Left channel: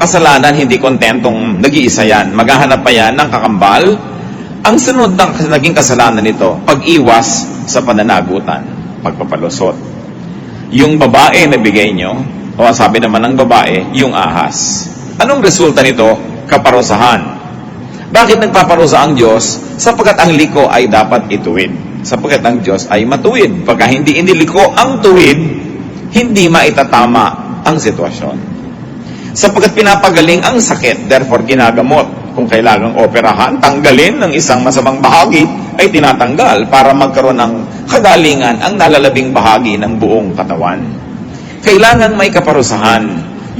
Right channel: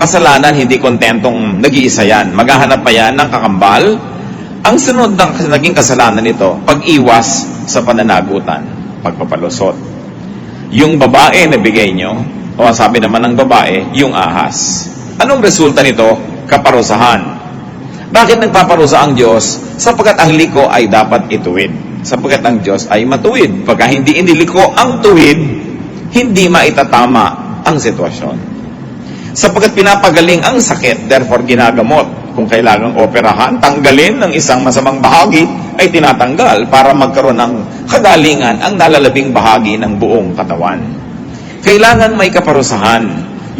kasalanan, hindi kontentong nag-iisa yan. Maghahanap pa yan ng kakambal. Ang sunod ng naging kasalanan nito, pag-iwas sa pananagutan, pagpapalusot. Yung babae na bigay nyo, o ang sabi naman ng babae, yung ahas. Anong resulta nito? Kaparusahan. Bakit nagpaparusa ang Diyos? Sapagkat ang liko ay dapat ituwid. Sapagkat ang Diyos ay matuwid. Pagka hindi iniliko ang tuwid, hindi maitatama ang sitwasyon. Sapagkat pinapagaling ang sakit, therefore ginagamot. Kung kailangang operahan, tanggalin ng isang masamang bahagi, ay tinatanggal para magkaroon ng kagalingan ang nalalabing bahagi ng buong katawan. Kailangan may kaparusahan.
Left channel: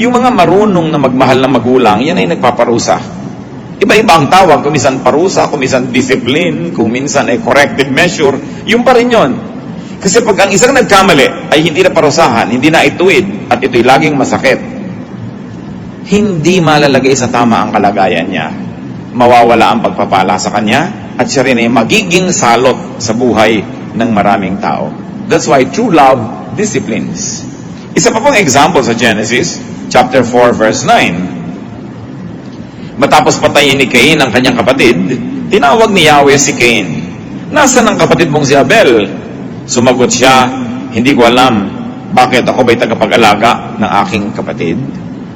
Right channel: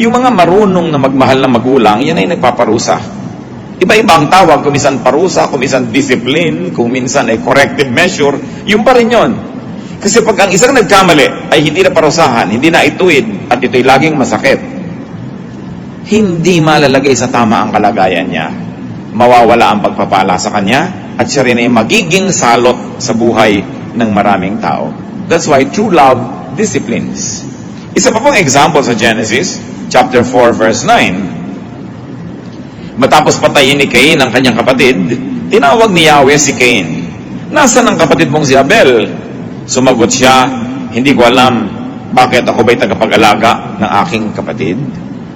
Yung mga marunong na magmahal na magulang, yan ay nagpaparusa. Iba-iba ang tawag, kung minsan parusa, kung minsan discipline, kung minsan ay corrective measure, yung pa rin yun. Kasi pag ang isang nagkamali ay hindi na parusahan, hindi na ituwid, at ito'y laging masakit, hindi malalagay sa tama ang kalagayan niya. Mawawala ang pagpapala sa kanya, at siya rin ay magiging salot sa buhay ng maraming tao. That's why true love disciplines. Isa pa pong example sa Genesis, chapter 4, verse 9. Matapos patayin ni Cain ang kanyang kapatid, tinawag ni Yahweh si Cain. Nasaan ang kapatid mong si Abel? Sumagot siya, hindi ko alam, bakit ako ba'y tagapag-alaga ng aking kapatid?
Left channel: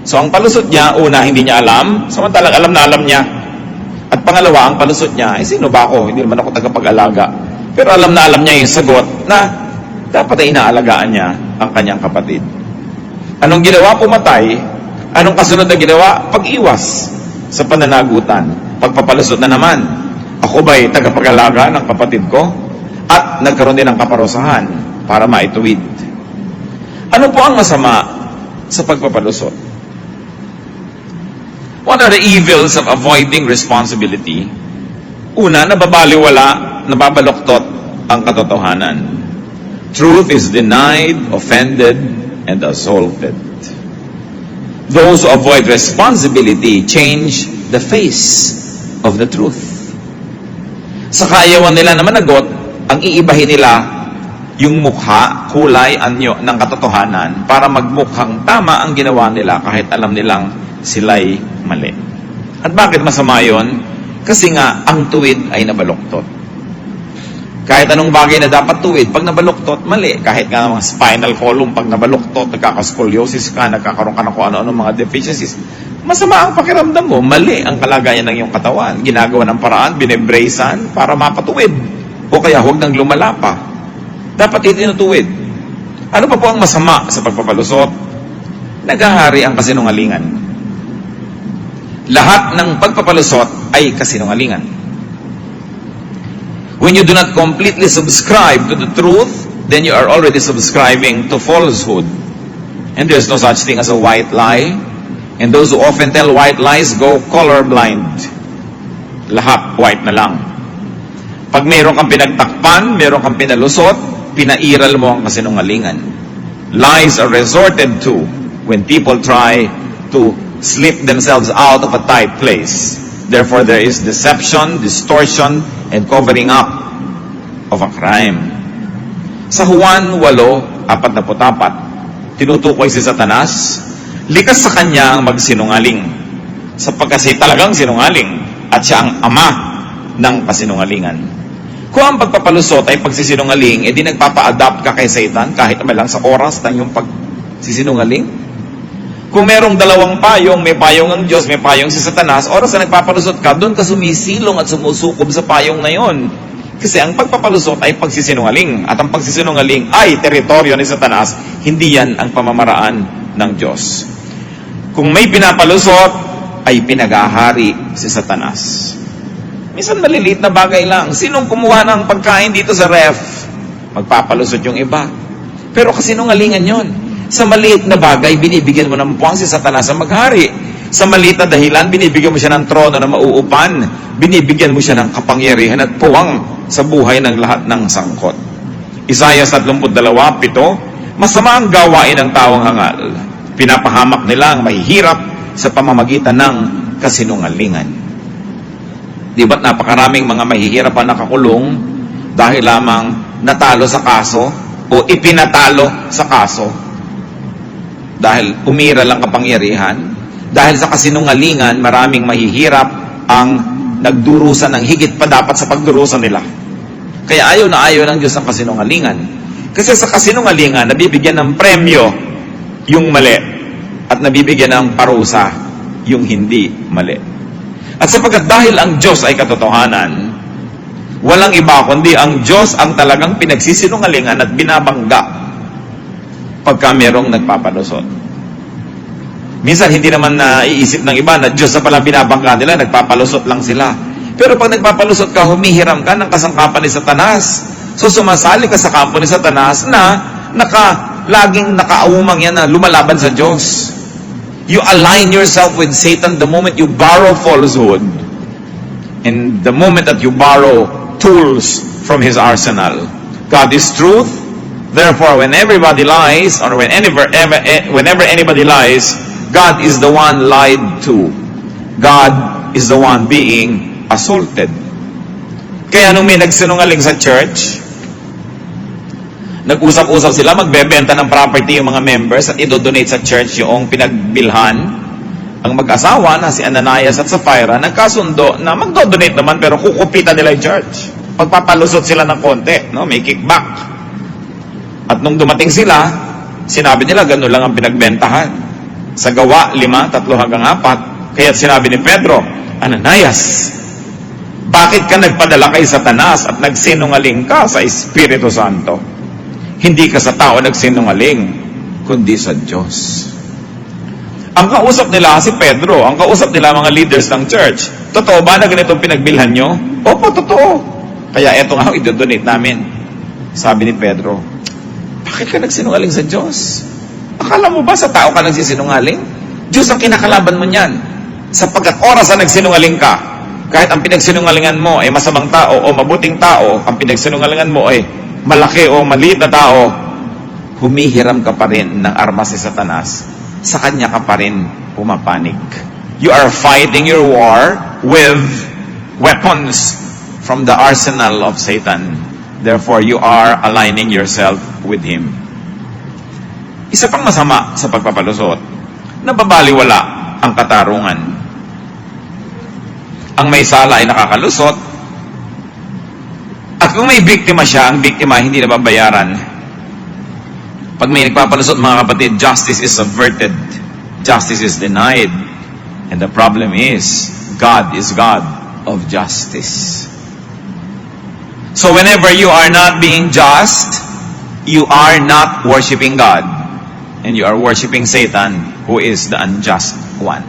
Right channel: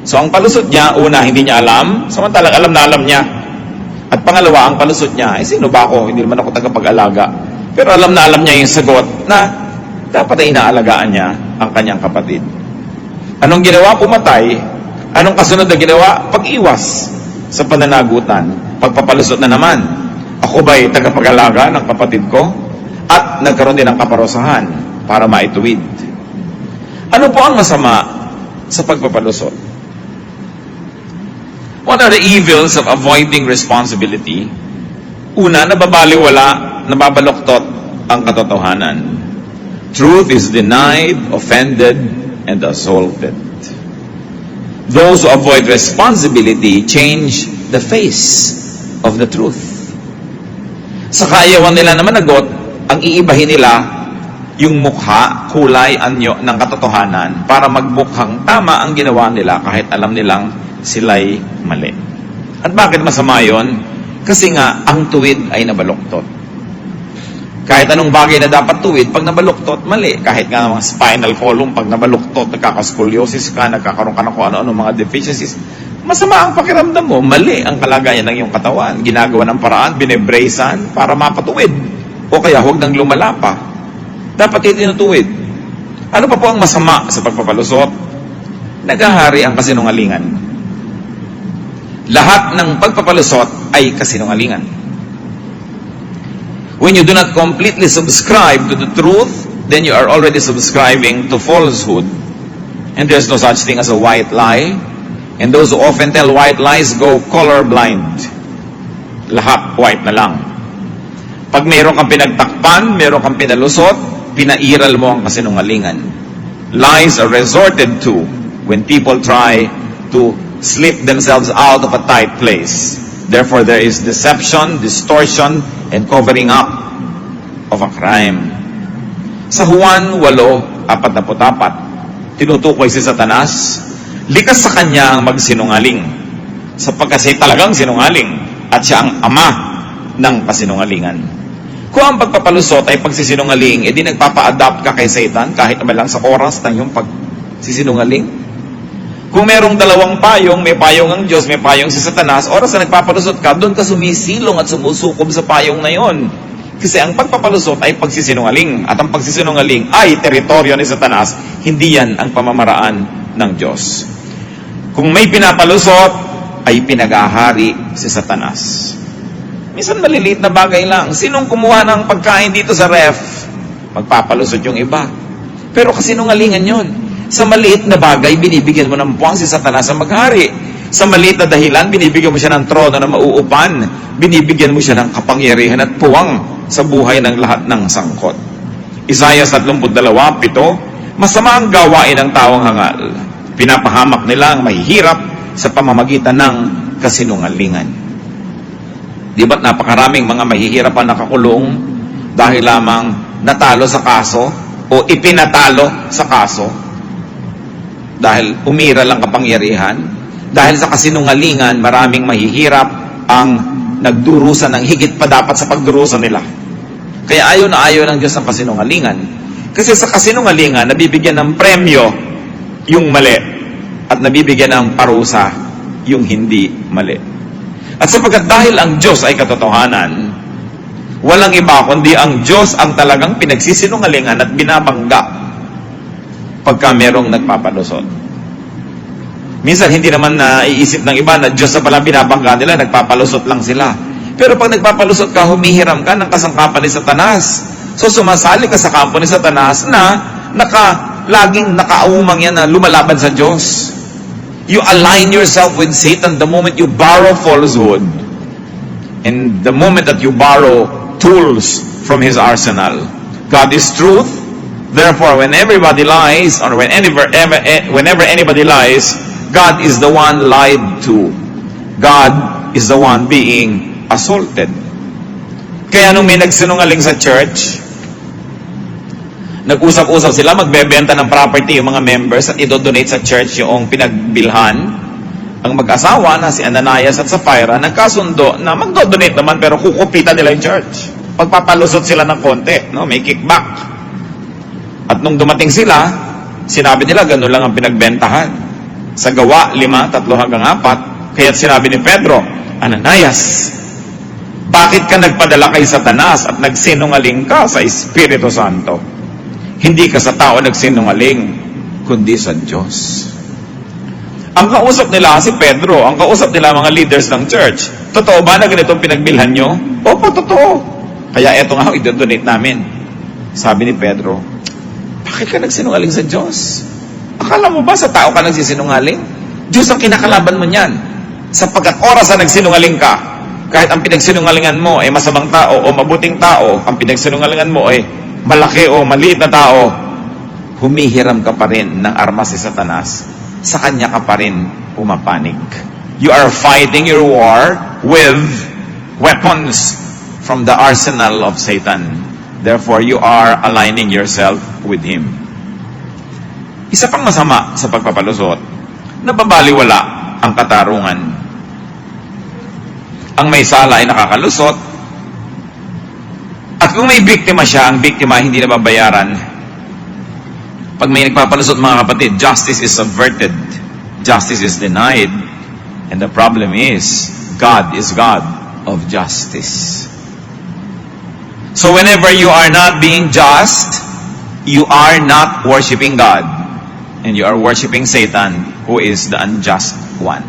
So ang palusot niya, una, hindi niya alam, samantalang alam na alam niya. At pangalawa, ang palusot niya, sino ba ako? Hindi naman ako tagapag-alaga. Pero alam na alam niya yung sagot na dapat ay inaalagaan niya ang kanyang kapatid. Anong ginawa? Pumatay. Anong kasunod na ginawa? Pag-iwas sa pananagutan. Pagpapalusot na naman. Ako ba'y tagapag-alaga ng kapatid ko? At nagkaroon din ng kaparusahan para maituwid. Ano po ang masama sa pagpapalusot? What are the evils of avoiding responsibility? Una, nababaliwala, nababaloktot ang katotohanan. Truth is denied, offended, and assaulted. Those who avoid responsibility change the face of the truth. Sa kaayawan nila na managot, ang iibahin nila yung mukha, kulay, anyo ng katotohanan para magmukhang tama ang ginawa nila kahit alam nilang sila'y mali. At bakit masama yun? Kasi nga, ang tuwid ay nabaluktot. Kahit anong bagay na dapat tuwid, pag nabaluktot, mali. Kahit nga mga spinal column, pag nabaluktot, nagkakascoliosis ka, nagkakaroon ka ng kung ano-ano mga deficiencies, masama ang pakiramdam mo, mali ang kalagayan ng iyong katawan. Ginagawa ng paraan, binebracean para mapatuwid. O kaya huwag nang lumala pa. Dapat itinutuwid. Ano pa po ang masama sa pagpapalusot? Naghahari ang kasinungalingan. Lahat ng pagpapalusot ay kasinungalingan. When you do not completely subscribe to the truth, then you are already subscribing to falsehood. And there's no such thing as a white lie. And those who often tell white lies go colorblind. Lahat white na lang. Pag mayroon kang pinagtakpan, mayroon kang pinalusot, pinairal mo ang kasinungalingan. Lies are resorted to when people try to slip themselves out of a tight place. Therefore, there is deception, distortion, and covering up of a crime. Sa Juan 8:44, tinutukoy si Satanas, likas sa kanya ang magsinungaling, sapagkat siya talagang sinungaling, at siya ang ama ng kasinungalingan. Kung ang pagpapalusot ay pagsisinungaling, edi nagpapa-adapt ka kay Satan kahit naman lang sa oras ng iyong pagsisinungaling. Kung merong dalawang payong, may payong ang Diyos, may payong si Satanas, oras na nagpapalusot ka, doon ka sumisilong at sumusukob sa payong na yon. Kasi ang pagpapalusot ay pagsisinungaling. At ang pagsisinungaling ay teritoryo ni Satanas. Hindi yan ang pamamaraan ng Diyos. Kung may pinapalusot, ay pinagahari si Satanas. Minsan maliliit na bagay lang. Sinong kumuha ng pagkain dito sa ref? Magpapalusot yung iba. Pero kasinungalingan yon. Sa maliit na bagay, binibigyan mo ng puwang si Satanas ang maghari. Sa maliit na dahilan, binibigyan mo siya ng trono na mauupan. Binibigyan mo siya ng kapangyarihan at puwang sa buhay ng lahat ng sangkot. Isaiah 32:7, masama ang gawain ng taong hangal. Pinapahamak nila ang mahihirap sa pamamagitan ng kasinungalingan. Di ba't napakaraming mga mahihirap ang nakakulong dahil lamang natalo sa kaso o ipinatalo sa kaso? Dahil umira lang kapangyarihan, Dahil sa kasinungalingan, maraming mahihirap ang nagdurusa ng higit pa dapat sa pagdurusa nila. Kaya ayaw na ayaw ng Diyos ang kasinungalingan. Kasi sa kasinungalingan, nabibigyan ng premyo yung mali at nabibigyan ng parusa yung hindi mali. At sapagkat dahil ang Diyos ay katotohanan, walang iba kundi ang Diyos ang talagang pinagsisinungalingan at binabangga pagka merong nagpapalusot. Minsan hindi naman naiisip ng iba na Diyos na pala binabangga nila, nagpapalusot lang sila. Pero pag nagpapalusot ka, humihiram ka ng kasangkapan ni Satanas. So sumasali ka sa kampo ni Satanas na laging nakaumang yan na lumalaban sa Diyos. You align yourself with Satan the moment you borrow falsehood. And the moment that you borrow tools from his arsenal. God is truth. Therefore, when everybody lies, or whenever anybody lies, God is the one lied to. God is the one being assaulted. Kaya nung may nagsinungaling sa church, nag-usap-usap sila, magbebenta ng property yung mga members at idodonate sa church yung pinagbilhan. Ang mag-asawa na si Ananias at Sapphira, nagkasundo na magdodonate naman pero kukupitan nila yung church. Pagpapalusot sila ng konti, no? May kickback. At nung dumating sila, sinabi nila, gano'n lang ang pinagbentahan. Sa Gawa 5:3-4, kaya sinabi ni Pedro, Ananias, bakit ka nagpadala kay Satanas at nagsinungaling ka sa Espiritu Santo? Hindi ka sa tao nagsinungaling, kundi sa Diyos. Ang kausap nila si Pedro, ang kausap nila mga leaders ng church, totoo ba na ganitong pinagbilhan nyo? Opo, totoo. Kaya eto nga, idodonate namin. Sabi ni Pedro, bakit ka nagsinungaling sa Diyos? Akala mo ba sa tao ka nagsisinungaling? Diyos ang kinakalaban mo niyan. Sapagkat oras na nagsinungaling ka, kahit ang pinagsinungalingan mo ay masamang tao o mabuting tao, ang pinagsinungalingan mo ay malaki o maliit na tao, humihiram ka pa rin ng armas ni Satanas. Sa kanya ka pa rin pumapanig. You are fighting your war with weapons from the arsenal of Satan. Therefore, you are aligning yourself with him. Isa pang masama sa pagpapalusot, nababaliwala ang katarungan. Ang may sala ay nakakalusot, at kung may biktima siya, ang biktima hindi nababayaran. Pag may nagpapalusot, mga kapatid, justice is subverted. Justice is denied. And the problem is, God is God of justice. So whenever you are not being just, you are not worshiping God. And you are worshiping Satan, who is the unjust one.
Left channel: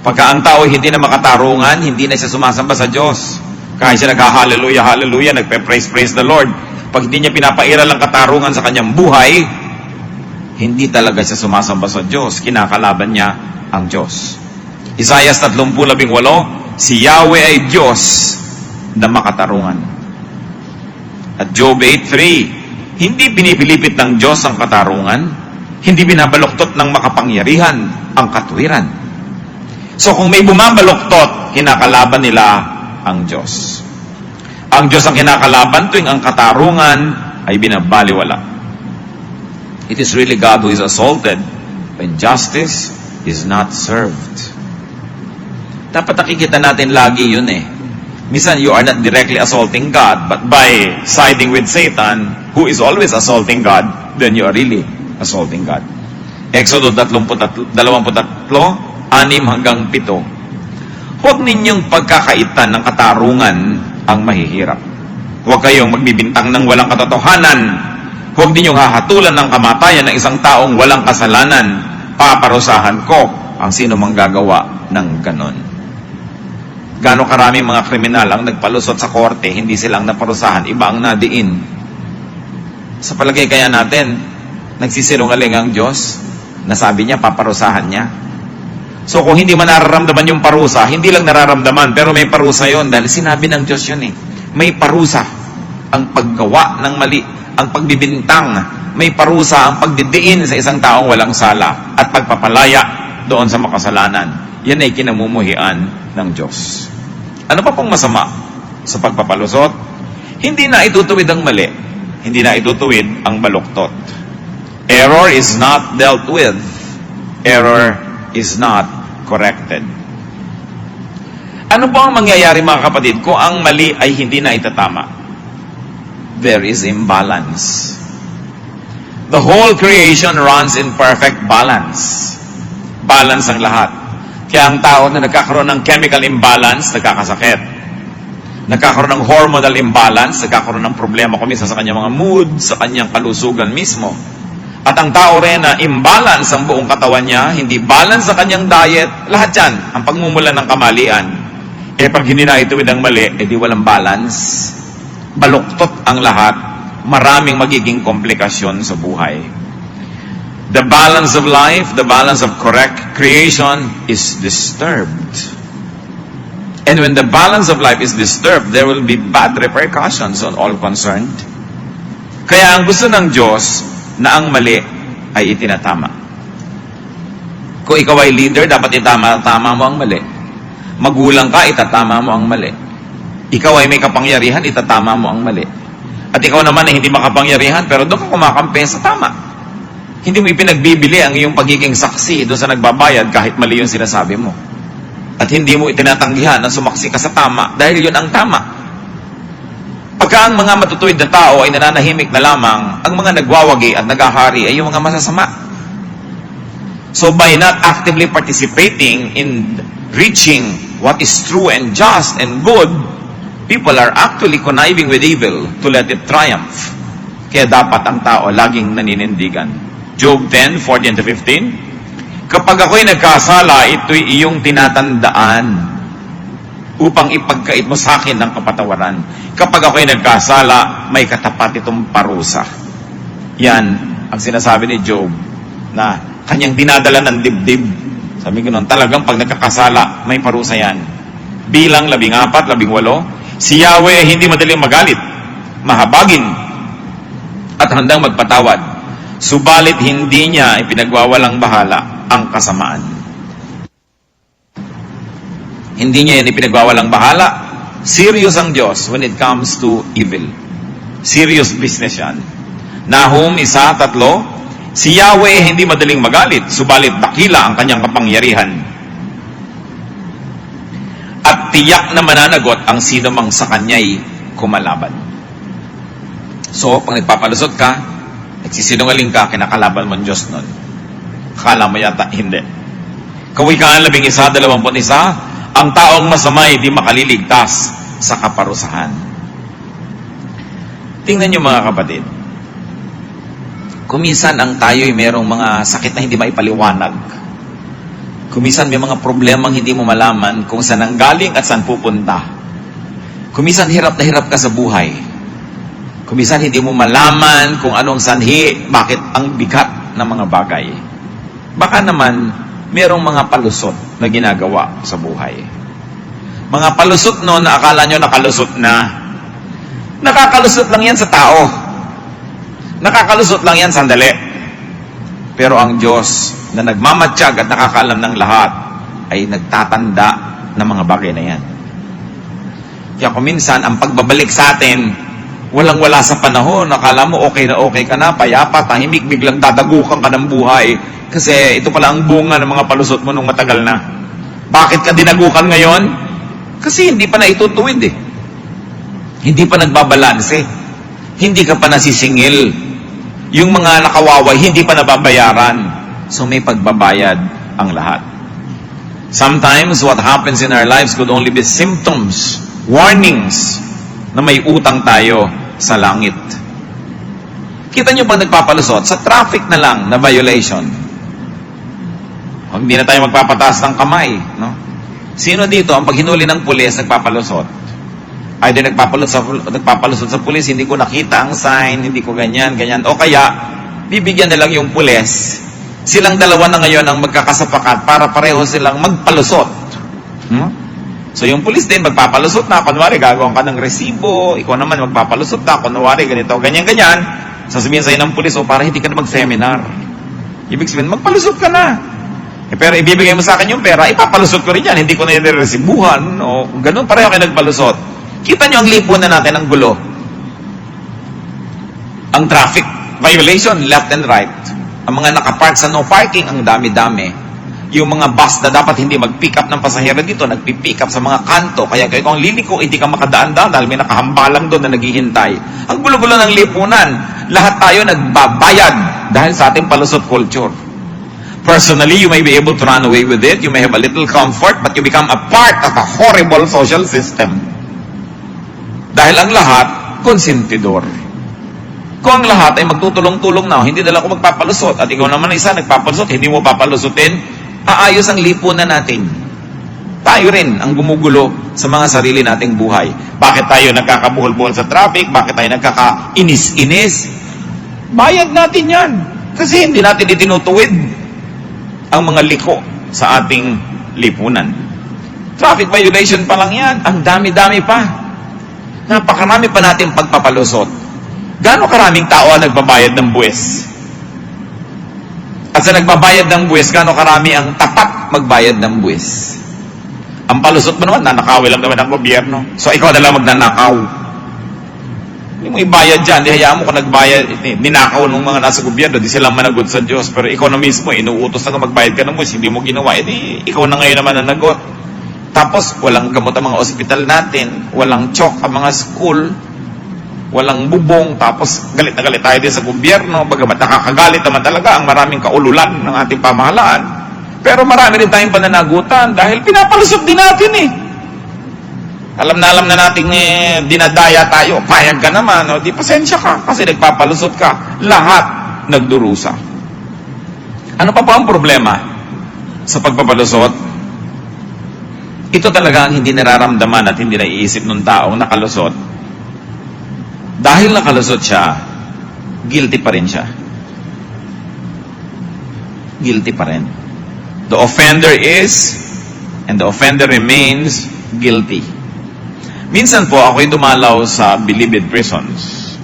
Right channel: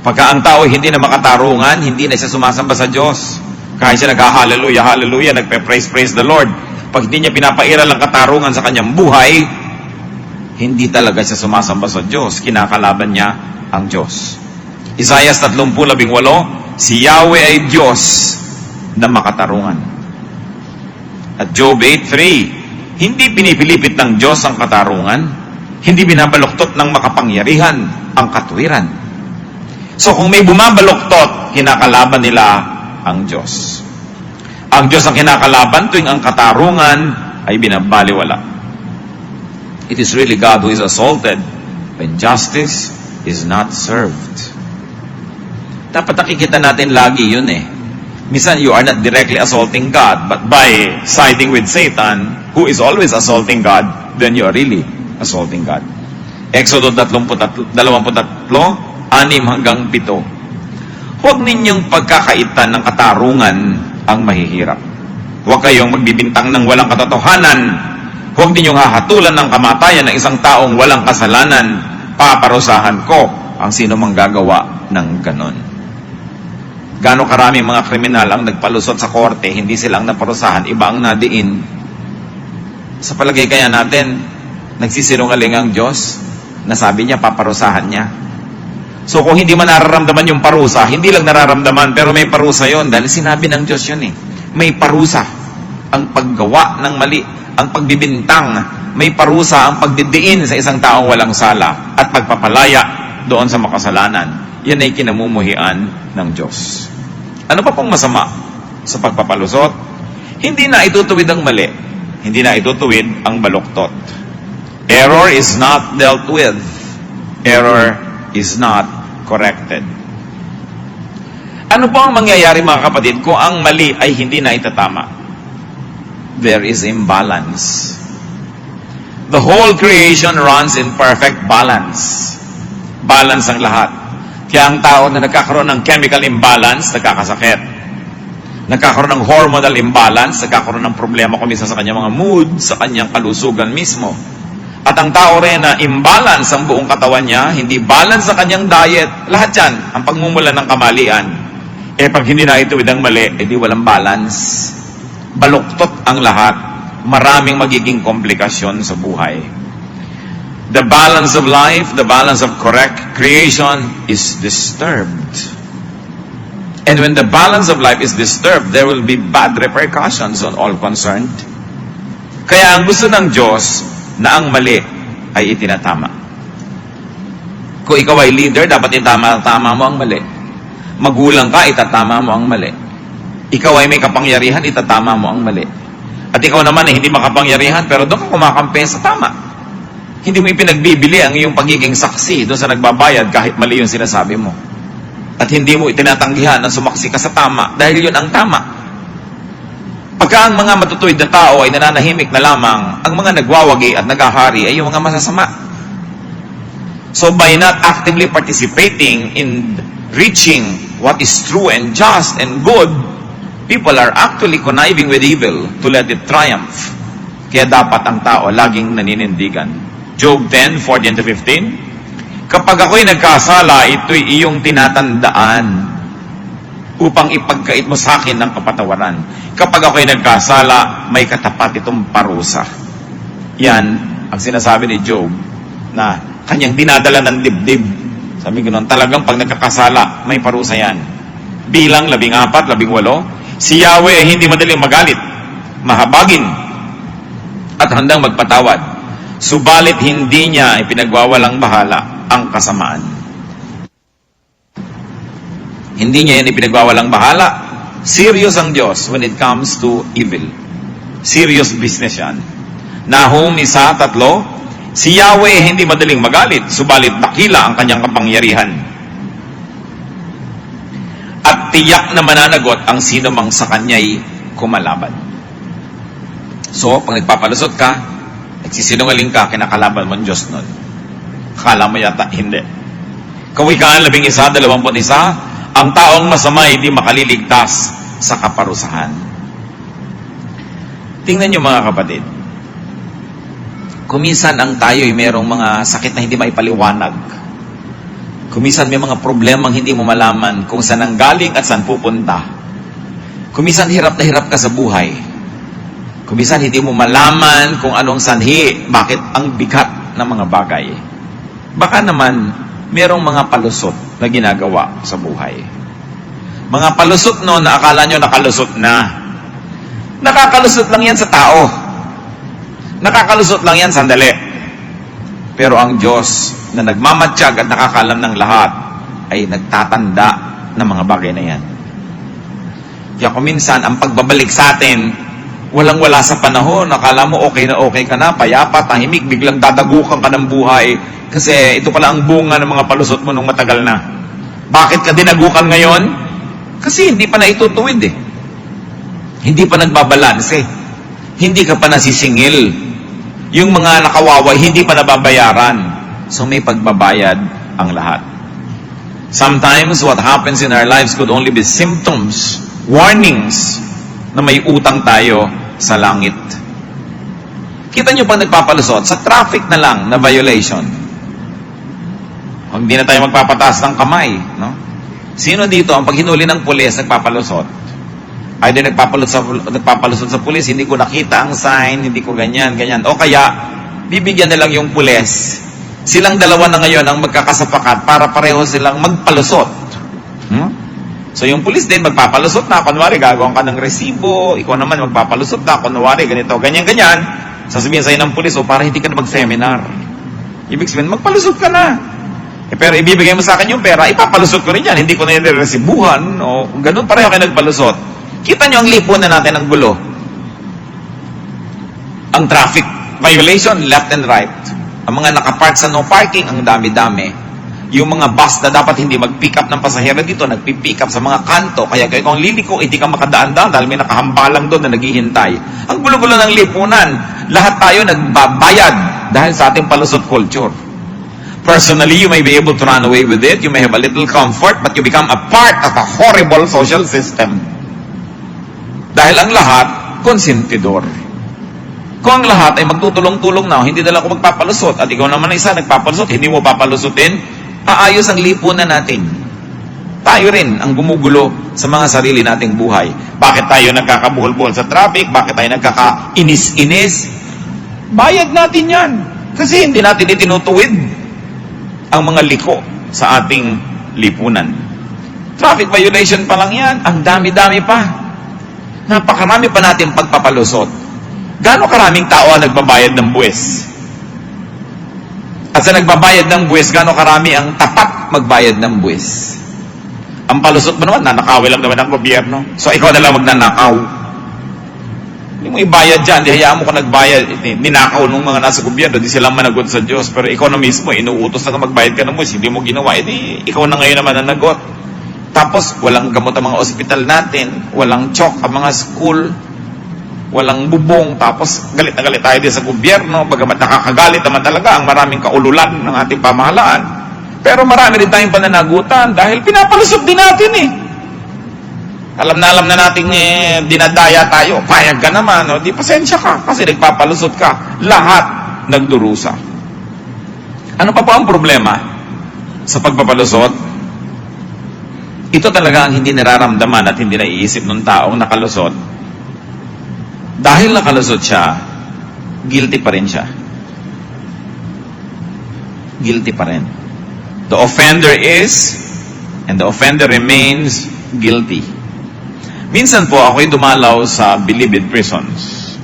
Pagka ang tao hindi na makatarungan, hindi na siya sumasamba sa Diyos. Kahit siya nag-hallelujah, hallelujah, nagpe-praise the Lord. Pag hindi niya pinapairal ang katarungan sa kanyang buhay, hindi talaga siya sumasamba sa Diyos. Kinakalaban niya ang Diyos. Isaiah 30:18, si Yahweh ay Diyos na makatarungan. At Job 8:3, hindi pinipilipit ng Diyos ang katarungan, hindi binabaluktot ng makapangyarihan ang katwiran. So kung may bumabaluktot, kinakalaban nila ang Diyos. Ang Diyos ang kinakalaban tuwing ang katarungan ay binabaliwala. It is really God who is assaulted when justice is not served. Dapat nakikita natin lagi yun eh. Minsan you are not directly assaulting God, but by siding with Satan, who is always assaulting God, then you are really assaulting God. Exodus 23:6-7. Huwag ninyong pagkakaitan ng katarungan ang mahihirap. Huwag kayong magbibintang ng walang katotohanan. Huwag ninyong hahatulan ng kamatayan ng isang taong walang kasalanan. Paparusahan ko ang sino mang gagawa ng ganon. Gaano karaming mga kriminal ang nagpalusot sa korte, hindi silang naparusahan, iba ang nadiin. Sa palagay kaya natin, nagsisinungaling ang Diyos, nasabi niya, paparusahan niya. So kung hindi man nararamdaman yung parusa, hindi lang nararamdaman, pero may parusa yon dahil sinabi ng Diyos yun eh. May parusa ang paggawa ng mali, ang pagbibintang, may parusa ang pagdidiin sa isang taong walang sala at pagpapalaya doon sa makasalanan. Yan ay kinamumuhian ng Diyos. Ano pa pong masama sa pagpapalusot? Hindi na itutuwid ang mali. Hindi na itutuwid ang baluktot. Error is not dealt with. Error is not corrected. Ano po ang mangyayari mga kapatid kung ang mali ay hindi na itatama? There is imbalance. The whole creation runs in perfect balance. Balance ang lahat. Kaya ang tao na nagkakaroon ng chemical imbalance, nagkakasakit. Nagkakaroon ng hormonal imbalance, nagkakaroon ng problema kumisa sa kanyang mga mood, sa kanyang kalusugan mismo. At ang tao rin na imbalance ang buong katawan niya, hindi balance sa kanyang diet, lahat yan, ang pagmumulan ng kamalian. Pag hindi na ituwid ang mali, edi walang balance. Baluktot ang lahat. Maraming magiging komplikasyon sa buhay. The balance of life, the balance of correct creation is disturbed. And when the balance of life is disturbed, there will be bad repercussions on all concerned. Kaya ang gusto ng Diyos na ang mali ay itinatama. Kung ikaw ay leader, dapat itama mo ang mali. Magulang ka, itatama mo ang mali. Ikaw ay may kapangyarihan, itatama mo ang mali. At ikaw naman ay hindi makapangyarihan, pero doon ka kumakampi sa tama. Hindi mo ipinagbibili ang iyong pagiging saksi doon sa nagbabayad kahit mali yung sinasabi mo. At hindi mo itinatanggihan na sumaksi ka sa tama dahil yun ang tama. Pagka ang mga matutuwid na tao ay nananahimik na lamang, ang mga nagwawagi at nagahari ay yung mga masasama. So by not actively participating in reaching what is true and just and good, people are actually conniving with evil to let it triumph. Kaya dapat ang tao laging naninindigan. Job 10:14-15, kapag ako'y nagkasala, ito'y iyong tinatandaan upang ipagkait mo sa akin ng kapatawaran. Kapag ako'y nagkasala, may katapat itong parusa. Yan ang sinasabi ni Job na kanyang dinadala ng dibdib. Sabi ko nun, talagang pag nagkakasala, may parusa yan. Bilang 14, 18, si Yahweh hindi madaling magalit, mahabagin, at handang magpatawad. Subalit hindi niya ipinagwawalang bahala ang kasamaan. Hindi niya yan ipinagwawalang bahala. Serious ang Diyos when it comes to evil. Serious business yan. Nahum 1:3, si Yahweh hindi madaling magalit, subalit dakila ang kanyang kapangyarihan. At tiyak na mananagot ang sino mang sa kanya'y kumalaban. So, pag nagpapalusot ka, nagsisinungaling ka, kinakalaban mo ang Diyos nun. Akala mo yata, hindi. Kawikaan 11:21, ang taong masama hindi makaliligtas sa kaparusahan. Tingnan niyo mga kapatid, kumisan ang tayo ay merong mga sakit na hindi maipaliwanag. Kumisan may mga problemang hindi mo malaman kung saan ang galing at saan pupunta. Kumisan hirap na hirap ka sa buhay. Kumisan hindi mo malaman kung anong sanhi, bakit ang bigat ng mga bagay. Baka naman, merong mga palusot na ginagawa sa buhay. Mga palusot no na akala nyo nakalusot na. Nakakalusot lang yan sa tao. Nakakalusot lang yan sandali. Pero ang Diyos na nagmamatsyag at nakakaalam ng lahat ay nagtatanda ng mga bagay na yan. Kaya kuminsan, ang pagbabalik sa atin, walang-wala sa panahon, akala mo okay na okay ka na, payapa, tahimik, biglang dadagukan ka ng buhay. Kasi ito pala ang bunga ng mga palusot mo nung matagal na. Bakit ka dinagukan ngayon? Kasi hindi pa na itutuwid eh. Hindi pa nagbabalanse. Hindi ka pa nasisingil. Yung mga nakawaway, hindi pa nababayaran. So may pagbabayad ang lahat. Sometimes what happens in our lives could only be symptoms, warnings, na may utang tayo sa langit. Kita nyo pag nagpapalusot, sa traffic na lang na violation. Hindi na tayo magpapataas ng kamay. No? Sino dito, ang paghinuli ng pulis, nagpapalusot? Either nagpapalusot sa pulis, hindi ko nakita ang sign, hindi ko ganyan. O kaya, bibigyan na lang yung pulis. Silang dalawa na ngayon ang magkakasapakat para pareho silang magpalusot. So yung pulis din, magpapalusot na, kunwari gagawin ka ng resibo, ikaw naman magpapalusot ka, kunwari ganito, ganyan-ganyan, sasabihin sa'yo ng pulis, para hindi ka na mag-seminar. Ibig sabihin, magpalusot ka na. Pero ibibigay mo sa akin yung pera, ipapalusot ko rin yan, hindi ko na yung resibuhan, o ganun, pareho kayo nagpalusot. Kita nyo ang lipunan natin ng gulo. Ang traffic violation, left and right. Ang mga nakapark sa no parking, ang dami-dami. Yung mga bus na dapat hindi mag-pick up ng pasahero dito, nagpi-pick up sa mga kanto. Kaya kung liliko, hindi ka makadaan-daan dahil may nakahambalang doon na naghihintay. Ang gulo-gulo ng lipunan, lahat tayo nagbabayad dahil sa ating palusot culture. Personally, you may be able to run away with it, you may have a little comfort, but you become a part of a horrible social system. Dahil ang lahat, konsentidor. Kung ang lahat ay magtutulong-tulong na, hindi nila ako magpapalusot, at ikaw naman isa nagpapalusot, hindi mo papalusutin, aayos ang lipunan natin. Tayo rin ang gumugulo sa mga sarili nating buhay. Bakit tayo nagkakabuhol-buhol sa traffic? Bakit tayo nagkakainis-inis? Bayad natin yan. Kasi hindi natin itinutuwid ang mga liko sa ating lipunan. Traffic violation pa lang yan. Ang dami-dami pa. Napakarami pa natin pagpapalusot. Gaano karaming tao ang nagbabayad ng buwis? At sa nagbabayad ng buwis, gaano karami ang tapat magbayad ng buwis? Ang palusot mo naman, nanakawin lang naman ng gobyerno. So, ikaw na lang magnanakaw. Hindi mo ibayad dyan, di hayaan mo ka nagbayad. Ninakaw ng mga nasa gobyerno, di sila managot sa Diyos. Pero ikaw na mismo, inuutos na magbayad ka ng buwis, hindi mo ginawa. Ikaw na ngayon naman ang nagot. Tapos, walang gamot ang mga ospital natin, walang chok ang mga school, walang bubong, tapos galit na galit tayo din sa gobyerno, bagamat nakakagalit naman talaga ang maraming kaululan ng ating pamahalaan. Pero marami rin tayong pananagutan dahil pinapalusot din natin eh. Alam na natin dinadaya tayo, payag ka naman, di pasensya ka kasi nagpapalusot ka. Lahat nagdurusa. Ano pa ang problema sa pagpapalusot? Ito talaga ang hindi nararamdaman at hindi naiisip ng taong nakalusot. Dahil nakalusot siya, guilty pa rin siya. Guilty pa rin. The offender is, and the offender remains guilty. Minsan po, ako'y dumalaw sa Bilibid prisons.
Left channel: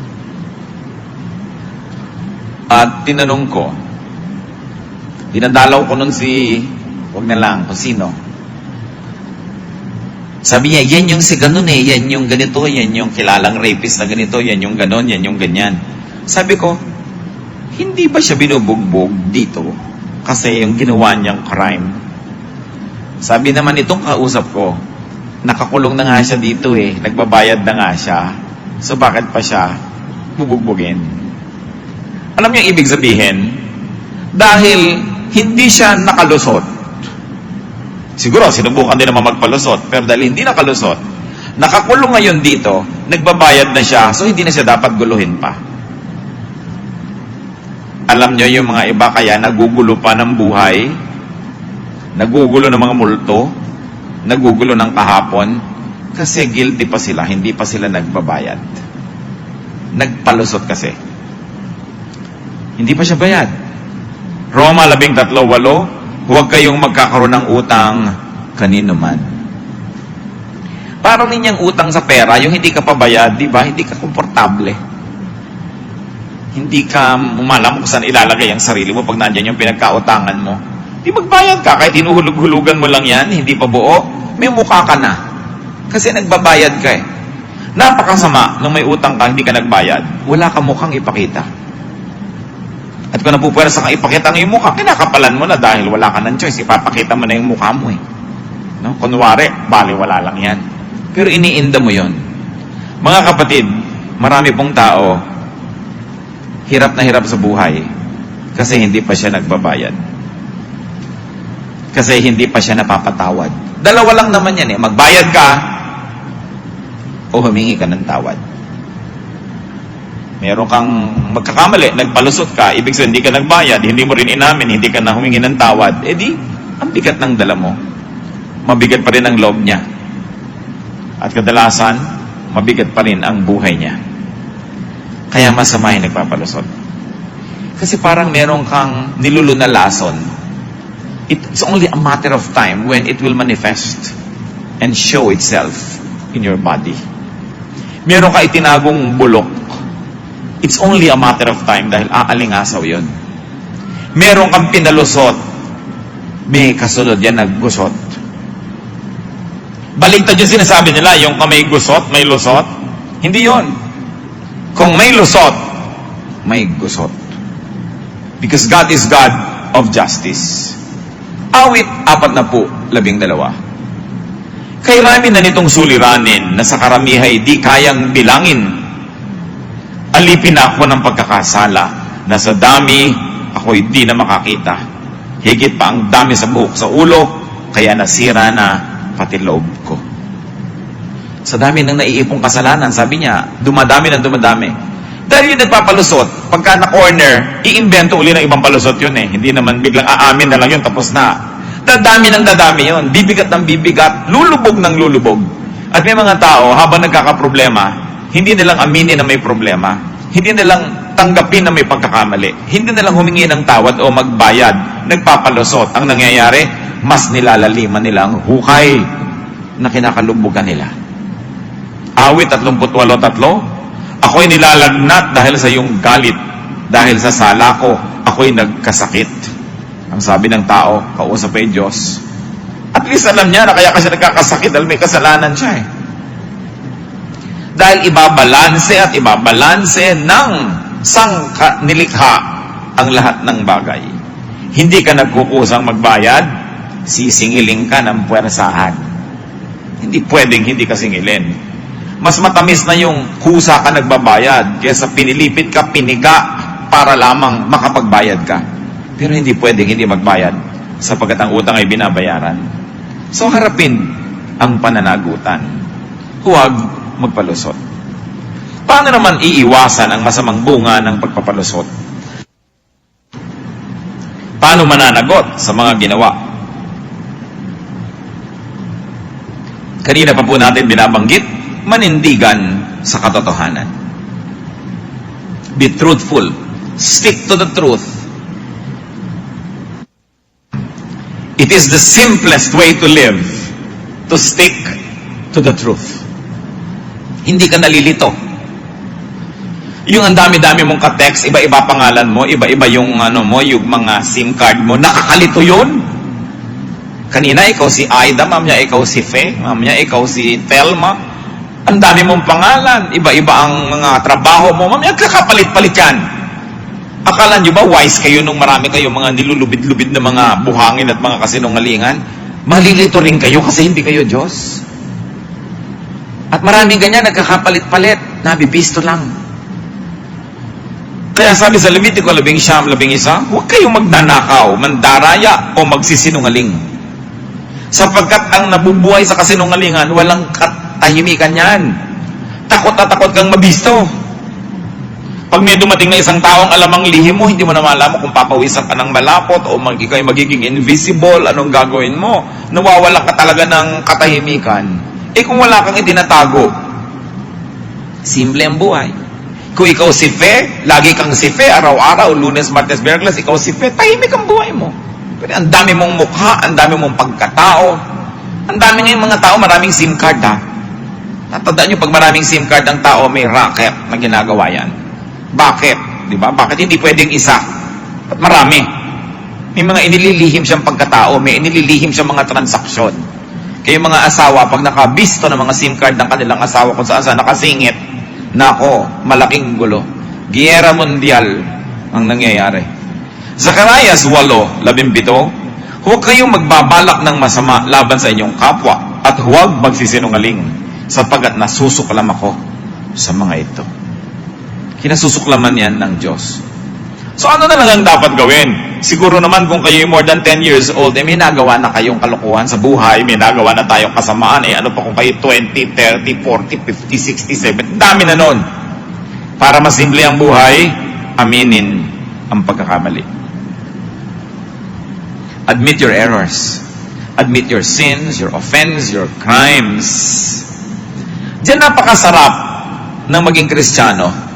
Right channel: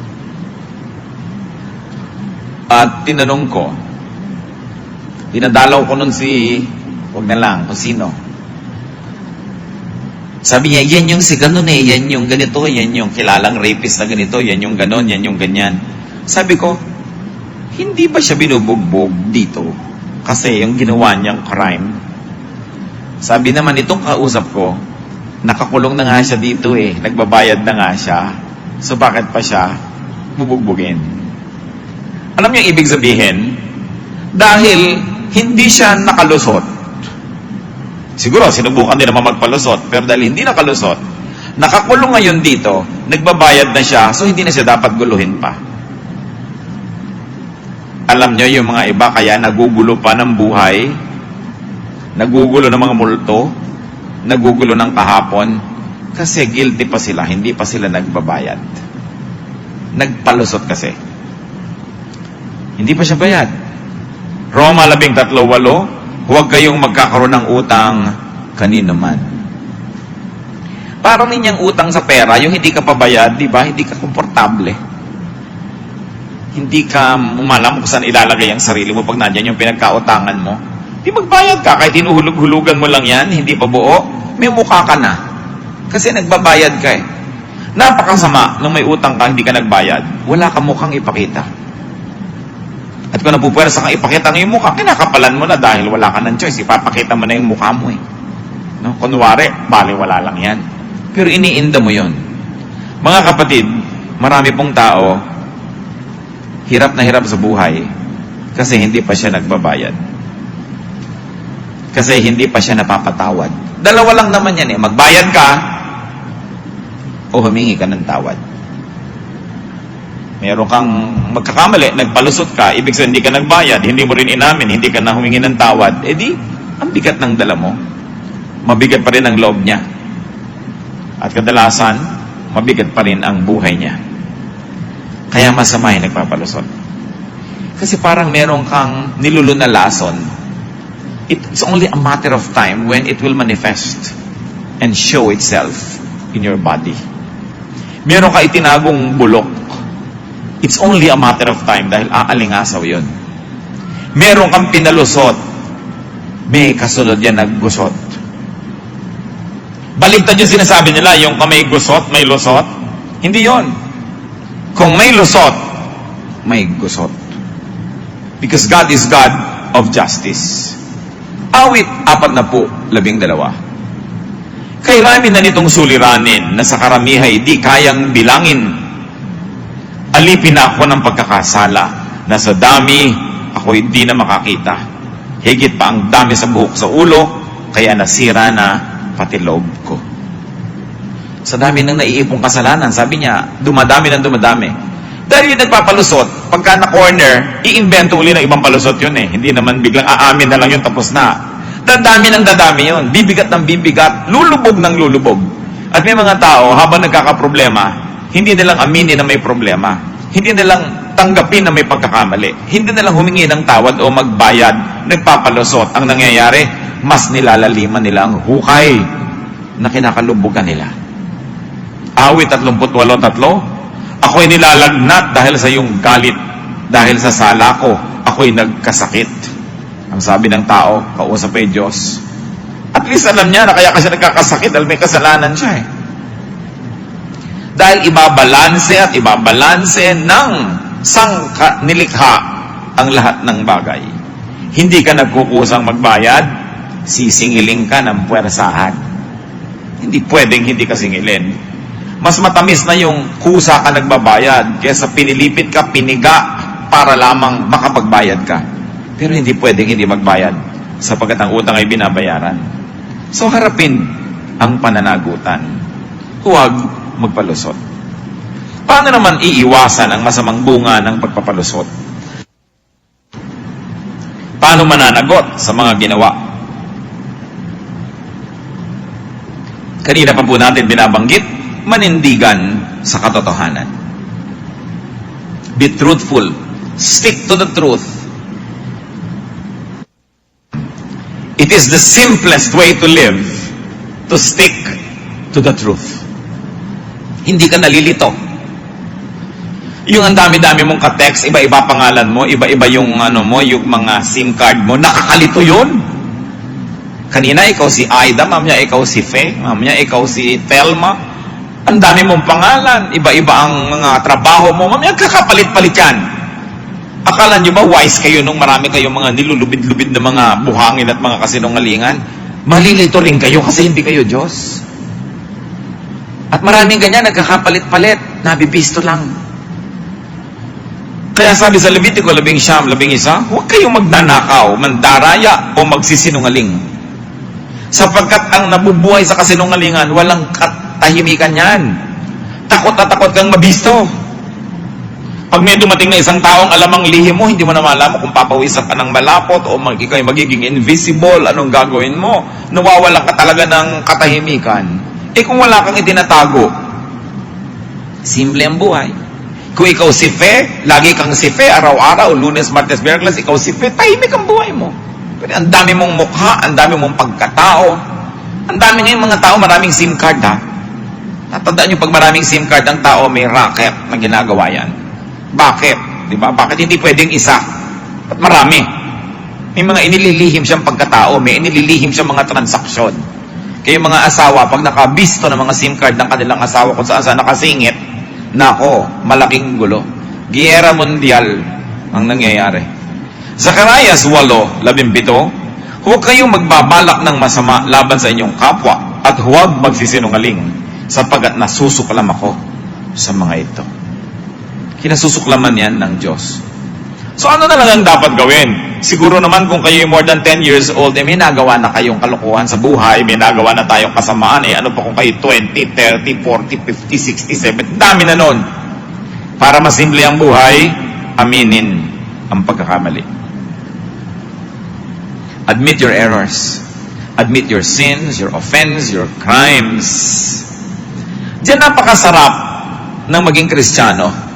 At tinanong ko, dinadalaw ko nun wag na lang, kung sino. Sabi niya, yan yung si ganun eh, yan yung ganito, yan yung kilalang rapist na ganito, yan yung ganon, yan yung ganyan. Sabi ko, hindi ba siya binubugbog dito? Kasi yung ginawa niyang crime. Sabi naman itong kausap ko, nakakulong na nga siya dito eh, nagbabayad na nga siya. So bakit pa siya bubugbugin? Alam niyo ibig sabihin? Dahil hindi siya nakalusot. Siguro, sinubukan din naman magpalusot, pero dahil hindi nakalusot, nakakulong ngayon dito, nagbabayad na siya, so hindi na siya dapat guluhin pa. Alam nyo, yung mga iba kaya nagugulo pa ng buhay, nagugulo ng mga multo, nagugulo ng kahapon, kasi guilty pa sila, hindi pa sila nagbabayad. Nagpalusot kasi. Hindi pa siya bayad. Roma 13:8, huwag kayong magkakaroon ng utang kanino man. Parang ninyang utang sa pera, yung hindi ka pabayad, di ba? Hindi ka komportable. Hindi ka umalam kung saan ilalagay ang sarili mo pag nandiyan yung pinagkautangan mo. Di magbayad ka, kahit hinuhulog-hulugan mo lang yan, hindi pa buo, may mukha ka na. Kasi nagbabayad ka eh. Napakasama nung may utang ka, hindi ka nagbayad, wala ka mukhang ipakita. At kung napupuwersa kang ipakita ng iyong mukha, kinakapalan mo na dahil wala ka ng choice. Ipapakita mo na yung mukha mo eh. No? Kunwari, baliwala lang yan. Pero iniinda mo yon. Mga kapatid, marami pong tao, hirap na hirap sa buhay kasi hindi pa siya nagbabayad. Kasi hindi pa siya napapatawad. Dalawa lang naman yan eh. Magbayad ka o humingi ka ng tawad. Meron kang magkakamali, nagpalusot ka, ibig sabihin hindi ka nagbayad, hindi mo rin inamin, hindi ka na humingi ng tawad, di, ang bigat ng dala mo. Mabigat pa rin ang loob niya. At kadalasan, mabigat pa rin ang buhay niya. Kaya masama yung nagpapalusot. Kasi parang meron kang nilulunalason. It's only a matter of time when it will manifest and show itself in your body. Meron ka itinagong bulok. It's only a matter of time dahil aalingasaw yun. Meron kang pinalusot, may kasunod yan naggusot. Baliktad yung sinasabi nila, yung may gusot, may lusot. Hindi yon. Kung may lusot, may gusot. Because God is God of justice. Awit 40:12. Kay rami na nitong suliranin na sa karamihay di kayang bilangin. Alipin ako ng pagkakasala na sa dami ako'y di na makakita. Higit pa ang dami sa buhok sa ulo, kaya nasira na pati loob ko. Sa dami ng naiipong kasalanan, sabi niya, dumadami ng dumadami. Dahil yung nagpapalusot, pagka na-corner, iimbento uli ng ibang palusot yun eh. Hindi naman biglang aamin na lang yun, tapos na. Dadami ng dadami yun. Bibigat ng bibigat, lulubog ng lulubog. At may mga tao, habang nagkakaproblema, hindi nilang aminin na may problema. Hindi nilang tanggapin na may pagkakamali. Hindi nilang humingi ng tawad o magbayad. Nagpapalusot. Ang nangyayari, mas nilalaliman nila ang hukay na kinakalubugan nila. Awit 38:3. Ako'y nilalagnat dahil sa iyong galit. Dahil sa sala ko, ako'y nagkasakit. Ang sabi ng tao, kausap ay Diyos. At least alam niya na kaya kasi nagkakasakit dahil may kasalanan siya eh. Dahil ibabalanse at ibabalanse ng nilikha ang lahat ng bagay. Hindi ka nagkukusang magbayad, sisingiling ka ng puwersahan. Hindi pwedeng hindi ka singilin. Mas matamis na yung kusa ka nagbabayad kaysa pinilipit ka, piniga para lamang makapagbayad ka. Pero hindi pwedeng hindi magbayad sapagkat ang utang ay binabayaran. So harapin ang pananagutan. Huwag magpalusot. Paano naman iiwasan ang masamang bunga ng pagpapalusot? Paano mananagot sa mga ginawa? Kanina pa po natin binabanggit, manindigan sa katotohanan. Be truthful. Stick to the truth. It is the simplest way to live, to stick to the truth. Hindi ka nalilito. Yung ang dami-dami mong ka-text, iba-iba pangalan mo, iba-iba yung yung mga SIM card mo, nakakalito yun. Kanina ikaw si Aida, mamaya ikaw si Fe, mamaya ikaw si Telma. Ang dami mong pangalan, iba-iba ang mga trabaho mo, mamaya kakapalit-palit yan. Akala nyo ba wise kayo nung marami kayong mga nilulubid-lubid na mga buhangin at mga kasinungalingan? Malilito rin kayo kasi hindi kayo Diyos. At maraming ganyan, nagkakapalit-palit, nabibisto lang. Kaya sabi sa Levitico 11:11, huwag kayong magnanakaw, mandaraya o magsisinungaling. Sapagkat ang nabubuhay sa kasinungalingan, walang katahimikan yan. Takot na takot kang mabisto. Pag may dumating na isang taong alam ang lihim mo, hindi mo na malaman kung papawisan ka ng malapot o ikaw ay magiging invisible, anong gagawin mo? Nawawalan ka talaga ng katahimikan. Eh kung wala kang itinatago, simple ang buhay. Kung ikaw si Fe, lagi kang si Fe, araw-araw, Lunes, Martes, Miyerkules, ikaw si Fe, tahimik ang buhay mo. Pero ang dami mong mukha, ang dami mong pagkatao, ang dami ngayong mga tao, maraming SIM card ha. Tatandaan nyo, pag maraming SIM card ang tao, may racket na ginagawa yan. Bakit? Diba? Bakit hindi pwedeng isa? At marami. May mga inililihim siyang pagkatao, may inililihim siyang mga transaksyon. Kaya mga asawa, pag nakabisto ng mga SIM card ng kanilang asawa kung saan nakasingit, nako, malaking gulo. Giyera mundial ang nangyayari. Zacarias 8:17, huwag kayong magbabalak ng masama laban sa inyong kapwa at huwag magsisinungaling sapagkat nasusuklam ako sa mga ito. Kinasusuklaman yan ng Diyos. So ano na lang ang dapat gawin? Siguro naman kung kayo more than 10 years old, may nagawa na kayong kalokohan sa buhay, may nagawa na tayong kasamaan, ano pa kung kayo 20, 30, 40, 50, 60, 70, dami na nun. Para masimple ang buhay, aminin ang pagkakamali. Admit your errors. Admit your sins, your offense, your crimes. Diyan napakasarap ng maging Kristiyano.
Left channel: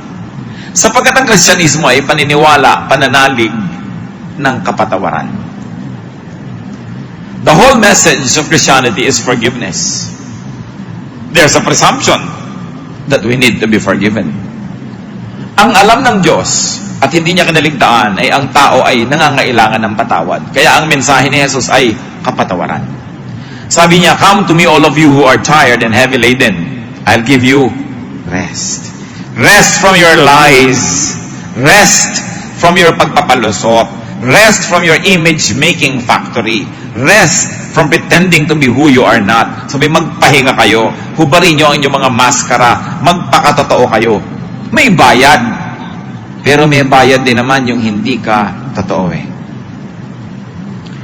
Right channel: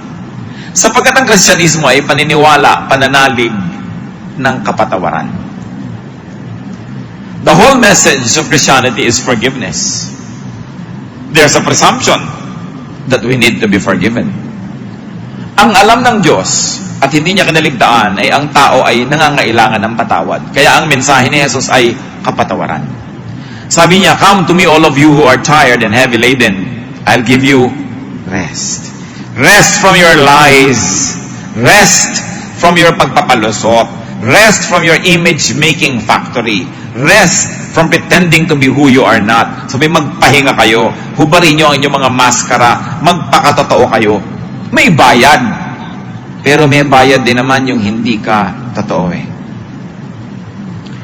Sapagkat ang Kristyanismo ay paniniwala, pananalig ng kapatawaran. The whole message of Christianity is forgiveness. There's a presumption that we need to be forgiven. Ang alam ng Diyos at hindi niya kinaligtaan ay ang tao ay nangangailangan ng patawad. Kaya ang mensahe ni Jesus ay kapatawaran. Sabi niya, "Come to me all of you who are tired and heavy laden. I'll give you rest." Rest from your lies. Rest from your pagpapalusot. Rest from your image-making factory. Rest from pretending to be who you are not. Sabi, magpahinga kayo. Hubarin nyo ang inyong mga maskara. Magpakatotoo kayo. May bayad. Pero may bayad din naman yung hindi ka totoo eh.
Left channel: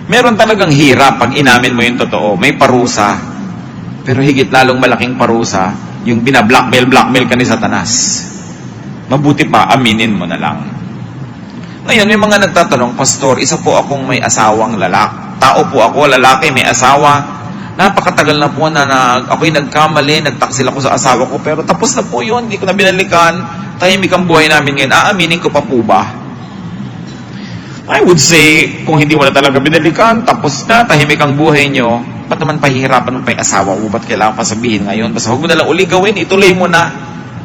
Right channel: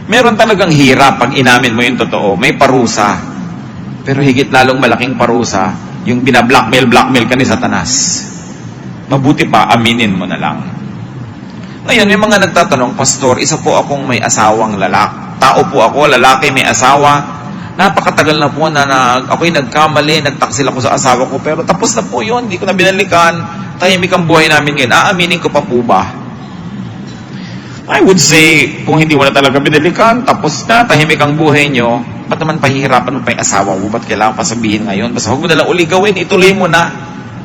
Meron talagang hirap pag inamin mo yung totoo. May parusa. Pero higit lalong malaking parusa, yung binablockmail ka ni Satanas. Mabuti pa, aminin mo na lang. Ngayon, may mga nagtatanong, Pastor, isa po akong may asawang lalaki. Tao po ako, lalaki, may asawa. Napakatagal na po na ako'y nagkamali, nagtaksil ako sa asawa ko, pero tapos na po yun, hindi ko na binalikan. Tahimik ang buhay namin ngayon. Aaminin ko pa po ba? I would say, kung hindi mo na talaga binalikan, tapos na, tahimik ang buhay nyo, ba't naman pahihirapan mo pa yung asawa mo? Ba't kailangan pa sabihin ngayon? Basta huwag mo nalang uli gawin, ituloy mo na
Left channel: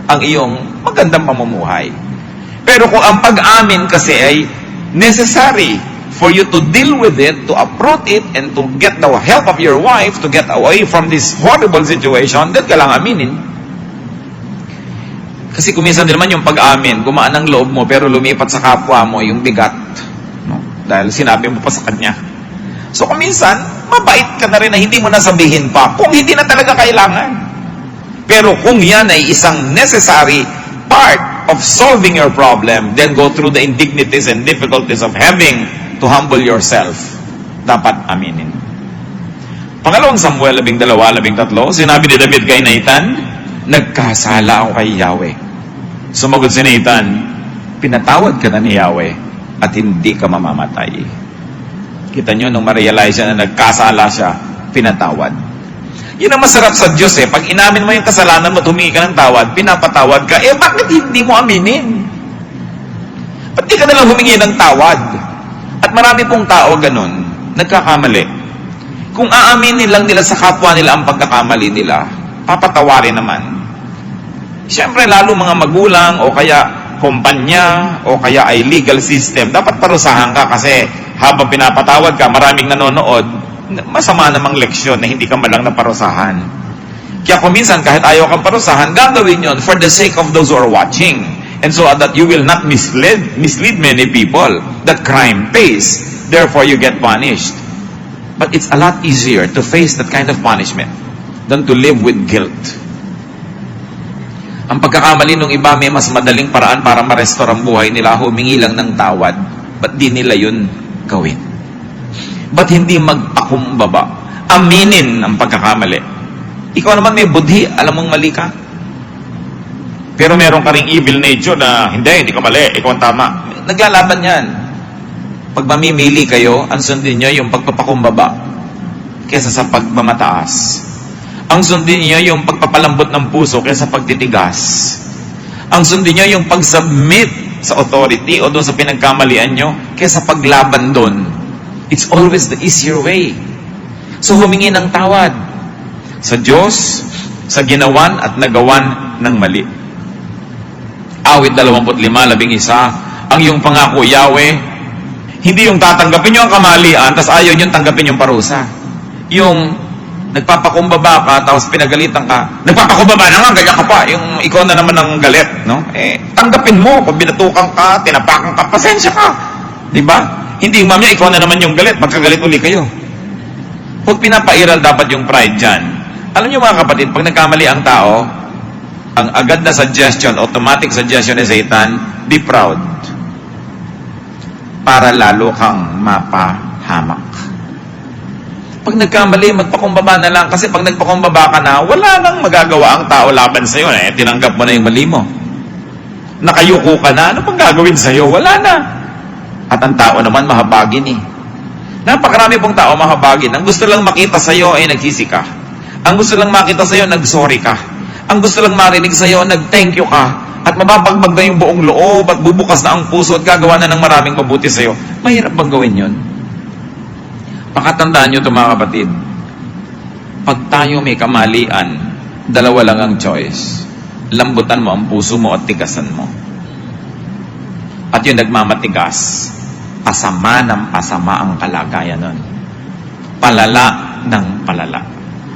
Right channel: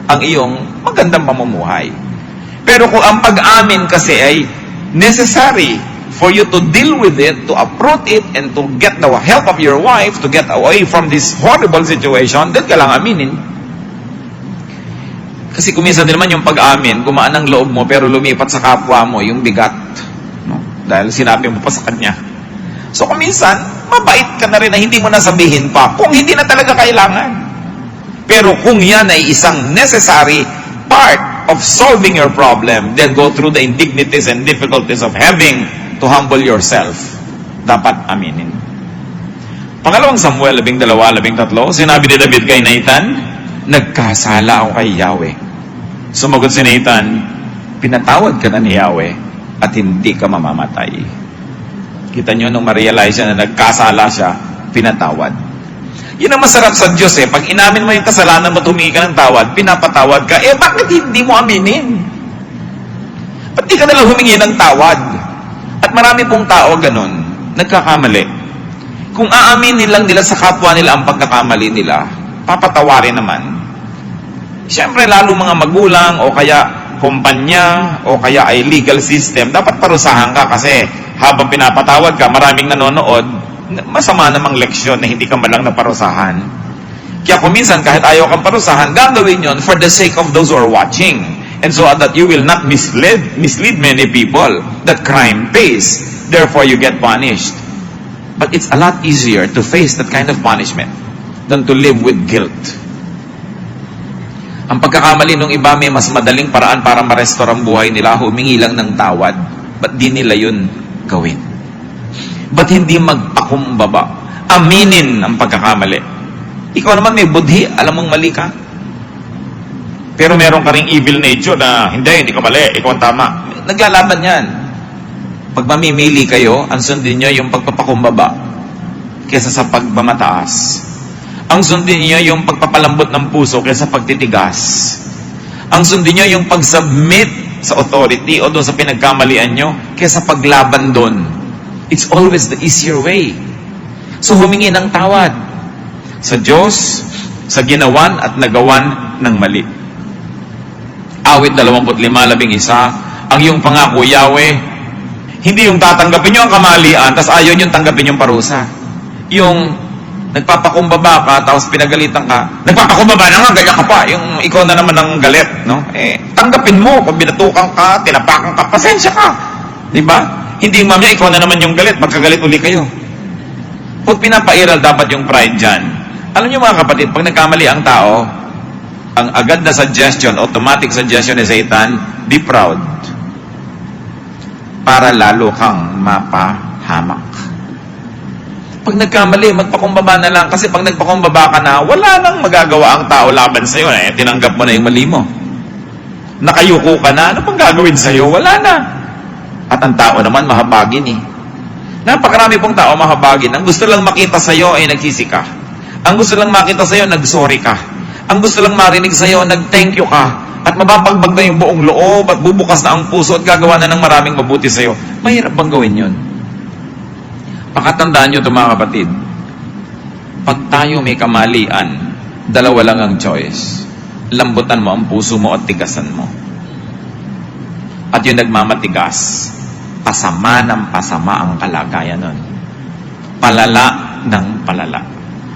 ang iyong magandang pamumuhay. Pero kung ang pag-amin kasi ay necessary for you to deal with it, to uproot it, and to get the help of your wife to get away from this horrible situation, then kailangan aminin. Kasi kuminsan din naman yung pag-amin, gumaan ang loob mo, pero lumipat sa kapwa mo yung bigat. No? Dahil sinabi mo pa sa kanya. So kuminsan, mabait ka na rin na hindi mo nasabihin pa kung hindi na talaga kailangan. Pero kung yan ay isang necessary part of solving your problem, then go through the indignities and difficulties of having to humble yourself. Dapat aminin. Pangalawang Samuel 12:13, sinabi ni David kay Nathan, nagkasala ako kay Yahweh. Sumagot si Nathan, pinatawad ka na ni Yahweh at hindi ka mamamatay. Kita nyo, nung ma-realize siya na nagkasala siya, pinatawad. Yun ang masarap sa Diyos eh. Pag inamin mo yung kasalanan mo, humingi ka ng tawad, pinapatawad ka, eh bakit hindi mo aminin? Ba't di ka nalang humingi ng tawad? At marami pong tao ganun, nagkakamali. Kung aaminin lang nila sa kapwa nila ang pagkakamali nila, papatawarin naman. Siyempre, lalo mga magulang o kaya kumpanya o kaya ay legal system, dapat parusahan ka kasi habang pinapatawad ka, maraming nanonood, masama namang leksyon na hindi ka malang naparusahan. Kaya kung minsan, kahit ayaw kang parusahan, gagawin yon for the sake of those who are watching. And so that you will not mislead many people that crime pays. Therefore, you get punished. But it's a lot easier to face that kind of punishment than to live with guilt. Ang pagkakamali ng iba, may mas madaling paraan para ma-restore ang buhay nila, humingi lang ng tawad. Ba't di nila yun gawin? Ba't hindi magpakumbaba? Aminin ang pagkakamali. Ikaw naman may budhi, alam mong mali ka. Pero meron ka ring evil nature na hindi ka mali, ikaw ang tama. Naglalaban yan. Pag mamimili kayo, ang sundin nyo yung pagpapakumbaba kesa sa pagmamataas. Ang sundin nyo yung pagpapalambot ng puso kesa pagtitigas. Ang sundin nyo yung pag-submit sa authority o doon sa pinagkamalian nyo kesa paglaban doon. It's always the easier way. So humingi ng tawad sa Diyos, sa ginawan at nagawan ng mali. Awit 25:11, ang iyong pangako, Yahweh, hindi yung tatanggapin nyo ang kamalian, tapos ayaw nyo tanggapin yung parusa. Yung nagpapakumbaba ka, tapos pinagalitan ka, nagpapakumbaba na nga, ganyan ka pa, yung ikaw na naman ang galit, no? Tanggapin mo, pag binatukan ka, tinapakan ka, pasensya ka. Diba? Hindi mamaya, ikaw na naman yung galit, magkagalit uli kayo. Huwag pinapairal dapat yung pride dyan. Alam niyo mga kapatid, pag nagkamali ang tao, ang agad na suggestion, automatic suggestion ni Satan, be proud. Para lalo kang mapahamak. Pag nagkamali, magpakumbaba na lang. Kasi pag nagpakumbaba ka na, wala nang magagawa ang tao laban sa'yo. Tinanggap mo na yung mali mo. Nakayuko ka na, ano pang gagawin sa'yo? Wala na. At ang tao naman, mahabagin eh. Napakarami pong tao mahabagin. Ang gusto lang makita sa'yo ay nagsisi ka. Ang gusto lang makita sa'yo, nag-sorry ka. Ang gusto lang marinig sa'yo, nag-thank you ka. At mababagbag na yung buong loob at bubukas na ang puso at gagawa na ng maraming mabuti sa'yo. Mahirap bang gawin yun? Pakatandaan nyo ito mga kapatid. Pag tayo may kamalian, dalawa lang ang choice. Lambutan mo ang puso mo at tigasan mo. At yung nagmamatigas, pasama ng pasama ang kalagayan nun. Palala ng palala.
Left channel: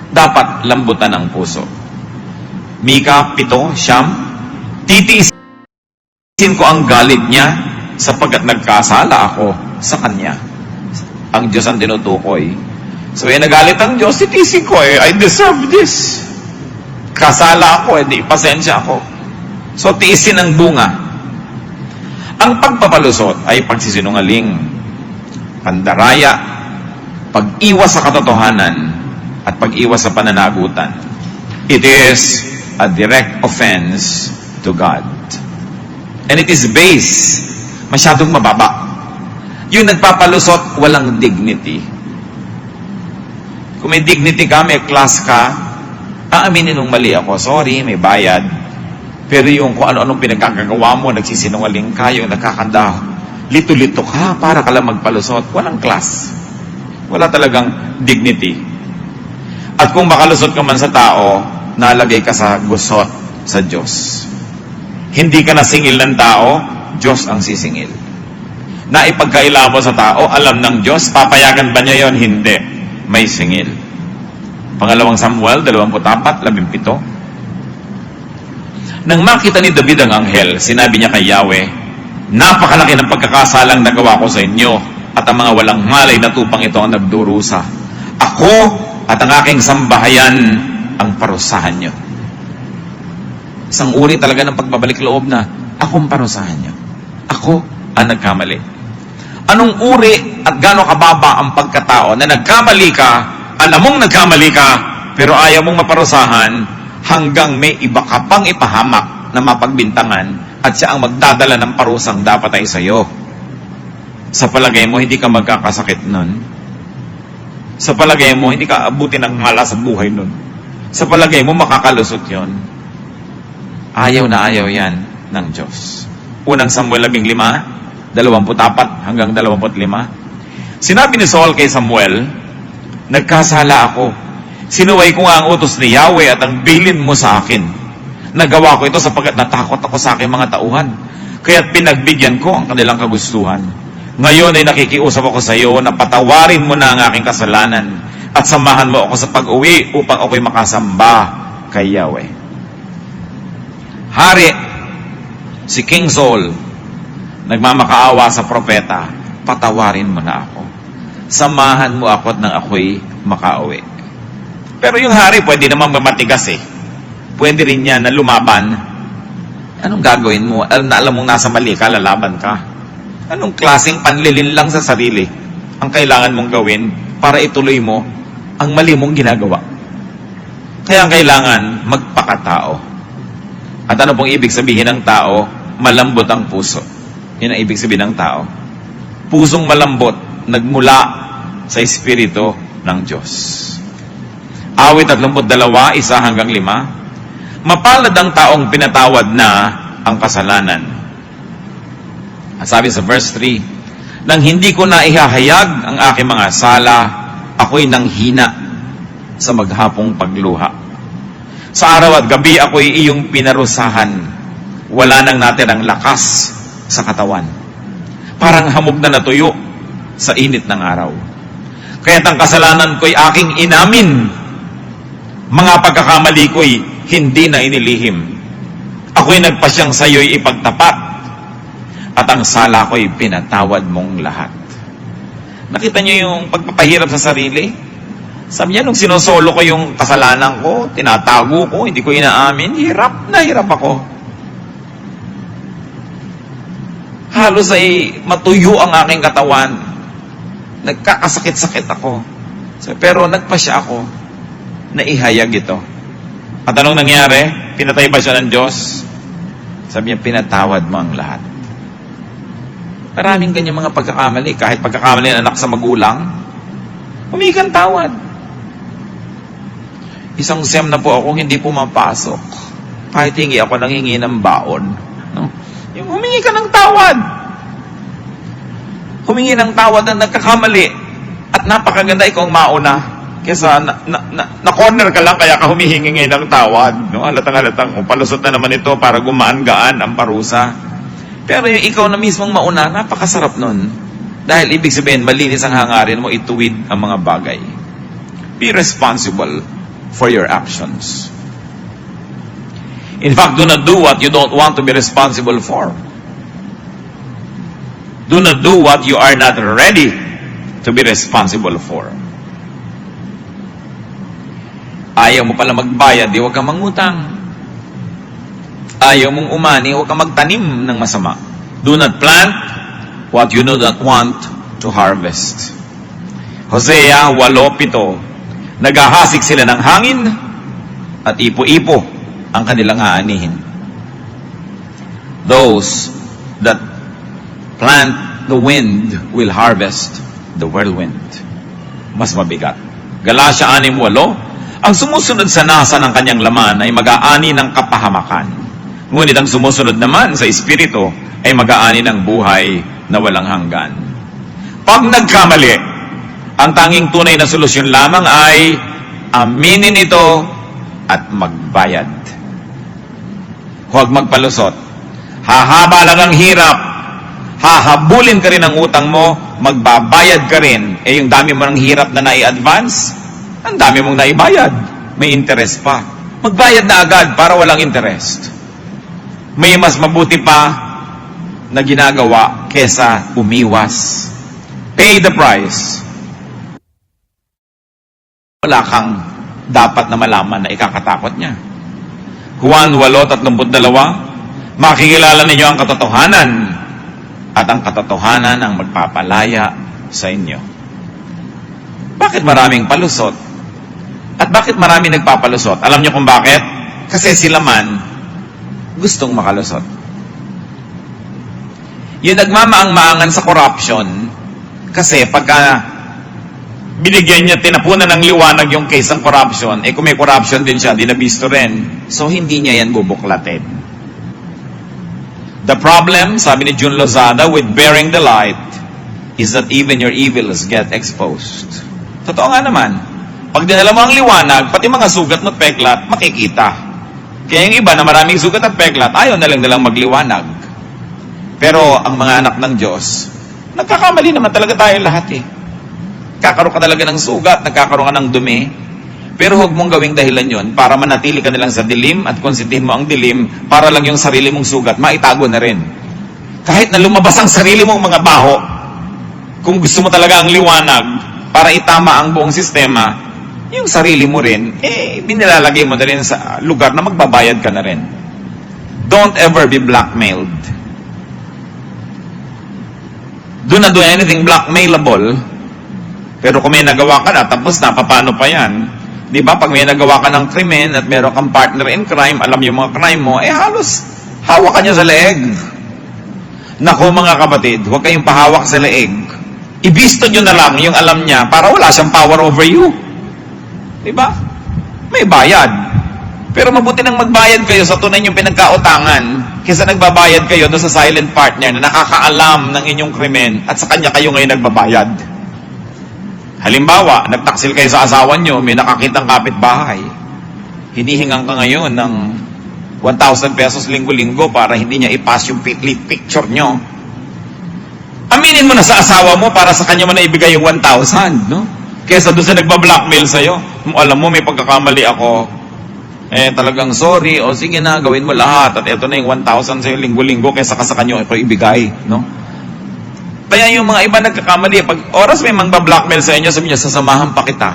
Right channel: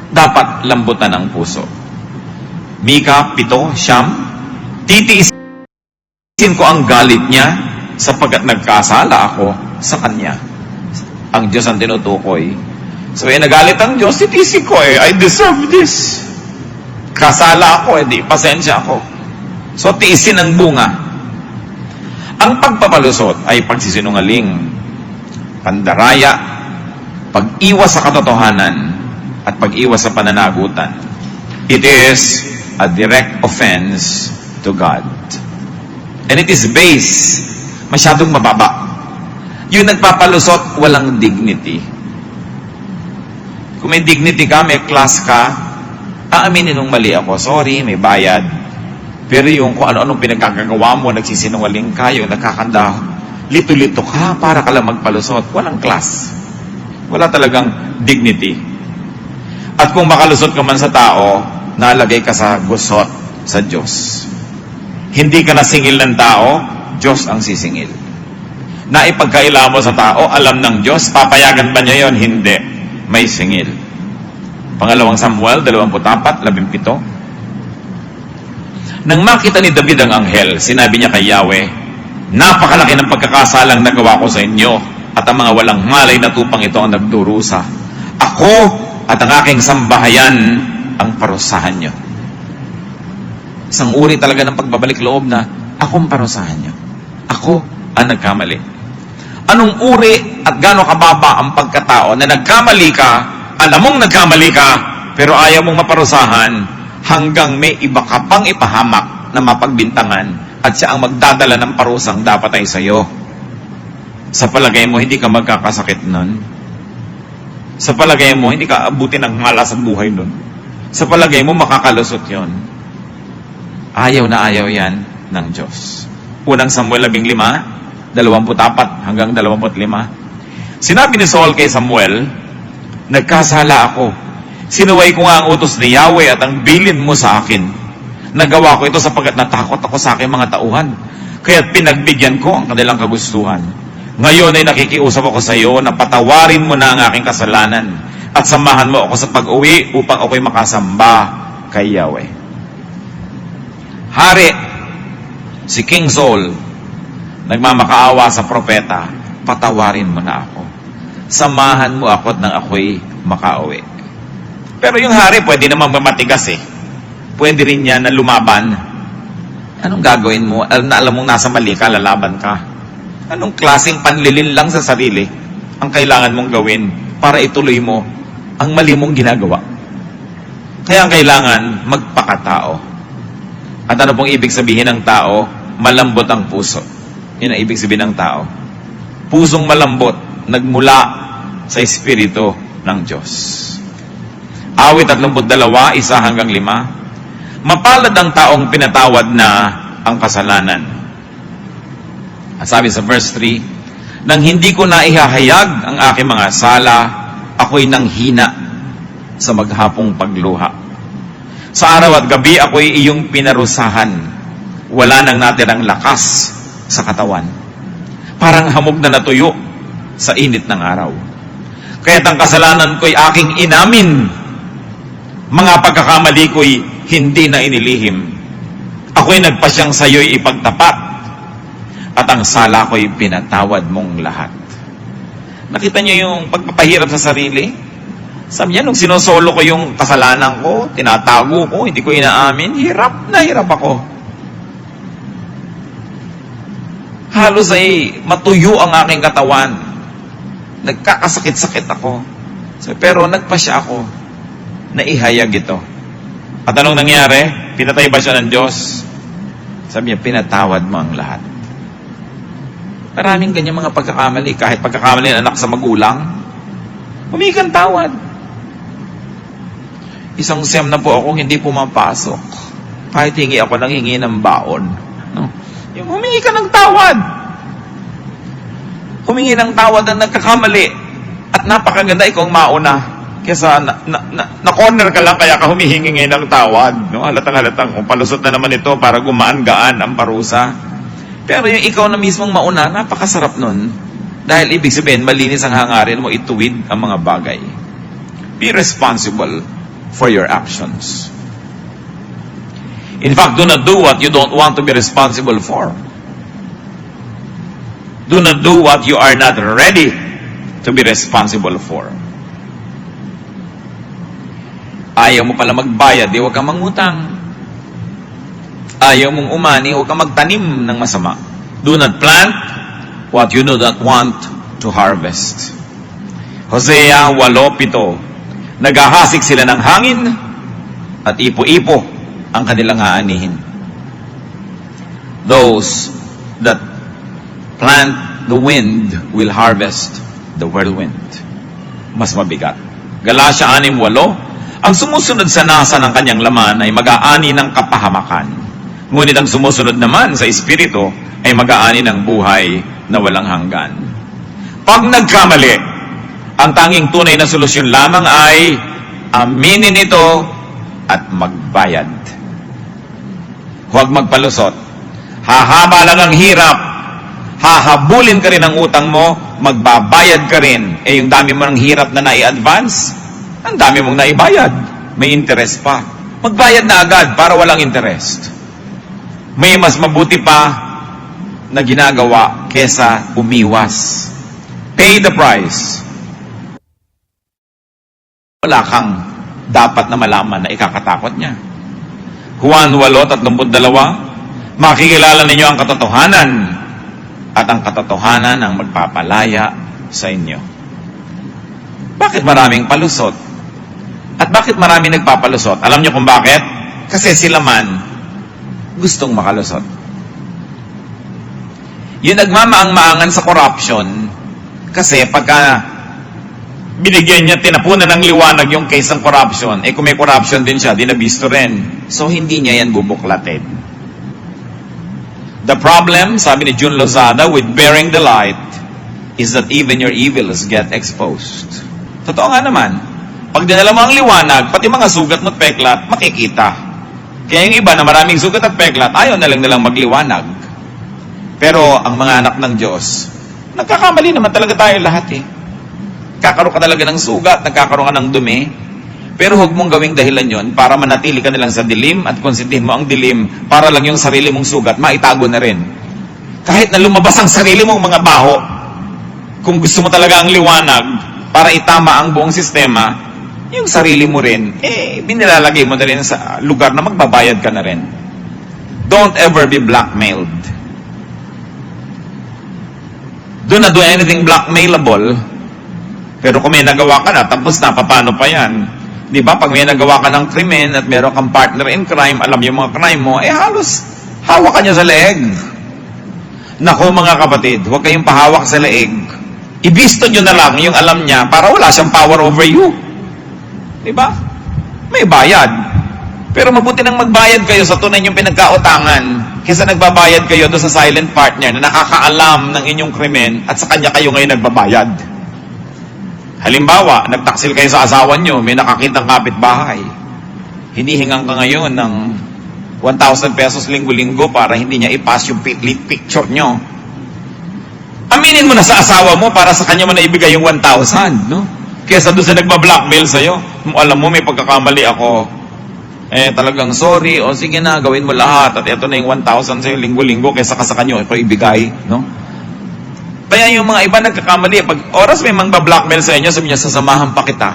Dapat lambutan ang puso. Mika 7:9, titiisin ko ang galit niya sapagkat nagkasala ako sa Kanya. Ang Diyos ang tinutukoy. So, nagalit ang Diyos, titisin ko I deserve this. Kasala ako, di pasensya ako. So, tiisin ang bunga. Ang pagpapalusot ay pagsisinungaling, pandaraya, pag-iwas sa katotohanan, at pag-iwas sa pananagutan. It is a direct offense to God. And it is based, masyadong mababa. Yung nagpapalusot, walang dignity. Kung may dignity ka, may class ka, aaminin mong mali ako, sorry, may bayad. Pero yung kung ano-anong pinagkakagawa mo, nagsisinungaling ka, yung nakakanda, lito-lito ka, para ka lang magpalusot, walang class. Wala talagang dignity. At kung makalusot ka man sa tao, nalagay ka sa gusot sa Diyos. Hindi ka na singil ng tao, Diyos ang sisingil. Naipagkaila mo sa tao, alam ng Diyos, papayagan ba niya yon? Hindi. May singil. Pangalawang Samuel 24:17. Nang makita ni David ang anghel, sinabi niya kay Yahweh, napakalaki ng pagkakasalang nagawa ko sa inyo, at ang mga walang malay na tupang ito ang nagdurusa. Ako at ang aking sambahayan ang parusahan niyo. Isang uri talaga ng pagbabalik loob na akong parusahan niyo. Ako ang nagkamali. Anong uri at gaano kababa ang pagkatao na nagkamali ka, alam mong nagkamali ka, pero ayaw mong maparusahan hanggang may iba ka pang ipahamak na mapagbintangan at siya ang magdadala ng parusang dapat ay sa'yo. Sa palagay mo, hindi ka magkakasakit nun. Sa palagay mo, hindi ka abutin ng malas sa buhay nun. Sa palagay mo, makakalusot yon. Ayaw na ayaw yan ng Diyos. Unang Samuel 15, 24 hanggang 25. Sinabi ni Saul kay Samuel, nagkasala ako. Sinuway ko nga ang utos ni Yahweh at ang bilin mo sa akin. Nagawa ko ito sapagkat natakot ako sa aking mga tauhan. Kaya't pinagbigyan ko ang kanilang kagustuhan. Ngayon ay nakikiusap ako sa iyo na patawarin mo na ang aking kasalanan at samahan mo ako sa pag-uwi upang ako'y makasamba kay Yahweh. Hari, si King Saul, nagmamakaawa sa propeta, patawarin mo na ako. Samahan mo ako at nang ako'y makauwi. Pero yung hari, pwede naman mamatigas eh. Pwede rin niya na lumaban. Anong gagawin mo? Alam mong nasa mali ka, lalaban ka. Anong klaseng panlilin lang sa sarili ang kailangan mong gawin para ituloy mo ang mali mong ginagawa? Kaya kailangan magpakatao. At ano pong ibig sabihin ng tao? Malambot ang puso. Yan ang ibig sabihin ng tao. Pusong malambot, nagmula sa Espiritu ng Diyos. Awit 32, 1-5. Mapalad ang taong pinatawad na ang kasalanan. Sabi sa verse 3, nang hindi ko na ihahayag ang aking mga sala, ako'y nanghina sa maghapong pagluha. Sa araw at gabi, ako'y iyong pinarusahan. Wala nang natirang lakas sa katawan. Parang hamog na natuyo sa init ng araw. Kaya't ang kasalanan ko'y aking inamin. Mga pagkakamali ko'y hindi na inilihim. Ako'y nagpasyang sa'yo'y ipagtapat. At ang sala ko'y pinatawad mong lahat. Nakita niyo yung pagpapahirap sa sarili? Sabi niya, nung sinosolo ko yung kasalanan ko, tinatago ko, hindi ko inaamin, hirap na hirap ako. Halos ay matuyo ang aking katawan. Nagkakasakit-sakit ako. Pero nagpasya ako na ihayag ito. At anong nangyari? Pinatay ba siya ng Diyos? Sabi niya, pinatawad mo ang lahat. Maraming ganyan mga pagkakamali. Kahit pagkakamali ng anak sa magulang, humingi kang tawad. Isang SEM na po ako, hindi pumapasok. Kahit hingi ako nang hingi ng baon. No? Yung humingi ka ng tawad. Humingi ng tawad na nagkakamali. At napakaganda ikaw mauna. Kesa na-corner ka lang, kaya ka humihingi ng tawad. No? Halatang-halatang, kung palusot na naman ito para gumaan-gaan ang parusa. Pero yung ikaw na mismong mauna, napakasarap nun. Dahil ibig sabihin, malinis ang hangarin mo, ituwid ang mga bagay. Be responsible for your actions. In fact, do not do what you don't want to be responsible for. Do not do what you are not ready to be responsible for. Ayaw mo pala magbayad, di huwag kang mangutang. Ayaw mong umani, huwag kang magtanim ng masama. Do not plant what you do not want to harvest. Hosea 8:7. Naghahasik sila ng hangin at ipo-ipo ang kanilang aanihin. Those that plant the wind will harvest the whirlwind. Mas mabigat. Galatia 6:8. Ang sumusunod sa nasa ng kanyang laman ay mag-aani ng kapahamakan. Ngunit ang sumusunod naman sa Espiritu ay mag-aani ng buhay na walang hanggan. Pag nagkamali, ang tanging tunay na solusyon lamang ay aminin ito at magbayad. Huwag magpalusot. Hahaba lang ang hirap. Hahabulin ka rin ang utang mo, magbabayad ka rin. Eh yung dami mo ng hirap na nai-advance, ang dami mong naibayad. May interest pa. Magbayad na agad para walang interest. May mas mabuti pa na ginagawa kesa umiwas. Pay the price. Wala kang dapat na malaman na ikakatakot niya. Juan 8:32. Makikilala ninyo ang katotohanan at ang katotohanan ang magpapalaya sa inyo. Bakit maraming palusot? At bakit marami nagpapalusot? Alam niyo kung bakit? Kasi sila man gustong makalusot. Yung nagmamaang-maangan sa corruption, kasi pagka binigyan niya, tinapunan ng liwanag yung case ng corruption, eh kung may corruption din siya, dinabisto rin. So hindi niya yan bubuklatin. The problem, sabi ni June Lozada, with bearing the light, is that even your evils get exposed. Totoo nga naman. Pag dinala mo ang liwanag, pati mga sugat at peklat, makikita. Kaya yung iba na maraming sugat at peklat, ayaw na lang nalang magliwanag. Pero ang mga anak ng Diyos, nagkakamali naman talaga tayo lahat eh. Kakaroon ka talaga ng sugat, nagkakaroon ka ng dumi. Pero huwag mong gawing dahilan yon para manatili ka nalang sa dilim at konsintihin mo ang dilim para lang yung sarili mong sugat, maitago na rin. Kahit na lumabas ang sarili mong mga baho, kung gusto mo talaga ang liwanag para itama ang buong sistema, yung sarili mo rin, binilalagay mo na rin sa lugar na magbabayad ka na rin. Don't ever be blackmailed. Do not do anything blackmailable. Pero kung may nagawa ka na, tapos na, paano pa yan? Di ba? Pag may nagawa ka ng krimen at meron kang partner in crime, alam yung mga crime mo, halos hawak ka niya sa leeg. Nako mga kapatid, huwag kayong pahawak sa leeg. Ibisto nyo na lang yung alam niya para wala siyang power over you. Diba? May bayad. Pero mabuti nang magbayad kayo sa tunay niyong pinagkautangan kaysa nagbabayad kayo doon sa silent partner na nakakaalam ng inyong krimen at sa kanya kayo ngayon nagbabayad. Halimbawa, nagtaksil kayo sa asawa niyo, may nakakitang kapitbahay. Hinihingang ka ngayon ng 1,000 pesos linggo-linggo para hindi niya ipass yung picture niyo. Aminin mo na sa asawa mo para sa kanya mo na ibigay yung 1,000, no? Kesa doon sa nagpa-blackmail sa'yo, alam mo, may pagkakamali ako. Talagang sorry, o sige na, gawin mo lahat. At ito na yung 1,000 sa'yo linggo-linggo, kesa ka sa kanya, ito ibigay. No? Kaya yung mga iba nagkakamali, pag oras may magpa-blackmail sa inyo, sabi niya, sasamahan pa kita.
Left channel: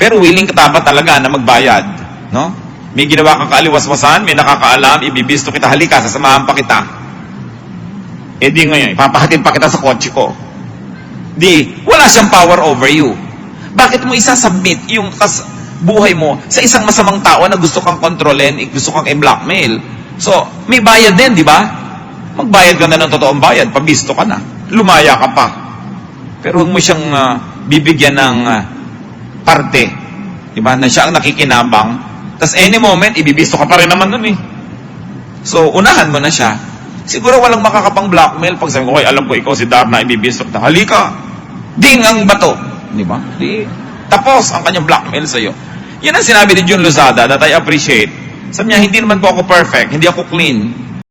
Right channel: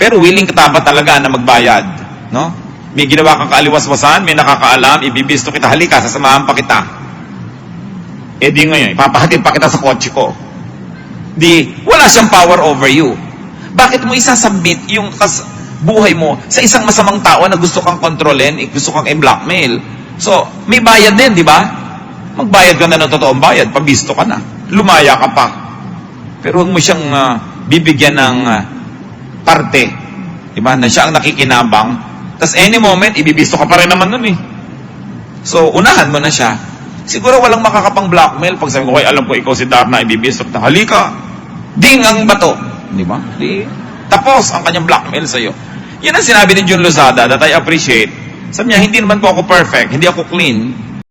Pero willing ka ba talaga na magbayad? No? May ginawa kang kaaliwas-wasan, may nakakaalam, ibibisto kita, halika, sasamahan pa kita. Di ngayon, ipapahatid pa kita sa kotse ko. Wala siyang power over you. Bakit mo isasubmit yung buhay mo sa isang masamang tao na gusto kang kontrolin, gusto kang i-blackmail? So, may bayad din, di ba? Magbayad ka na ng totoong bayad, pabisto ka na. Lumaya ka pa. Pero huwag mo siyang bibigyan ng parte, di ba, na siya ang nakikinabang. Tapos any moment, ibibisto ka pa rin naman nun eh. So, unahan mo na siya. Siguro walang makakapang blackmail pag sabi ko, alam ko ikaw si Darna, ibibisto ka. Halika, ding ang bato. Di ba? Tapos ang kanyang blackmail sa'yo. Yan ang sinabi ni June Lozada that I appreciate. Sabi niya, hindi naman po ako perfect, hindi ako clean.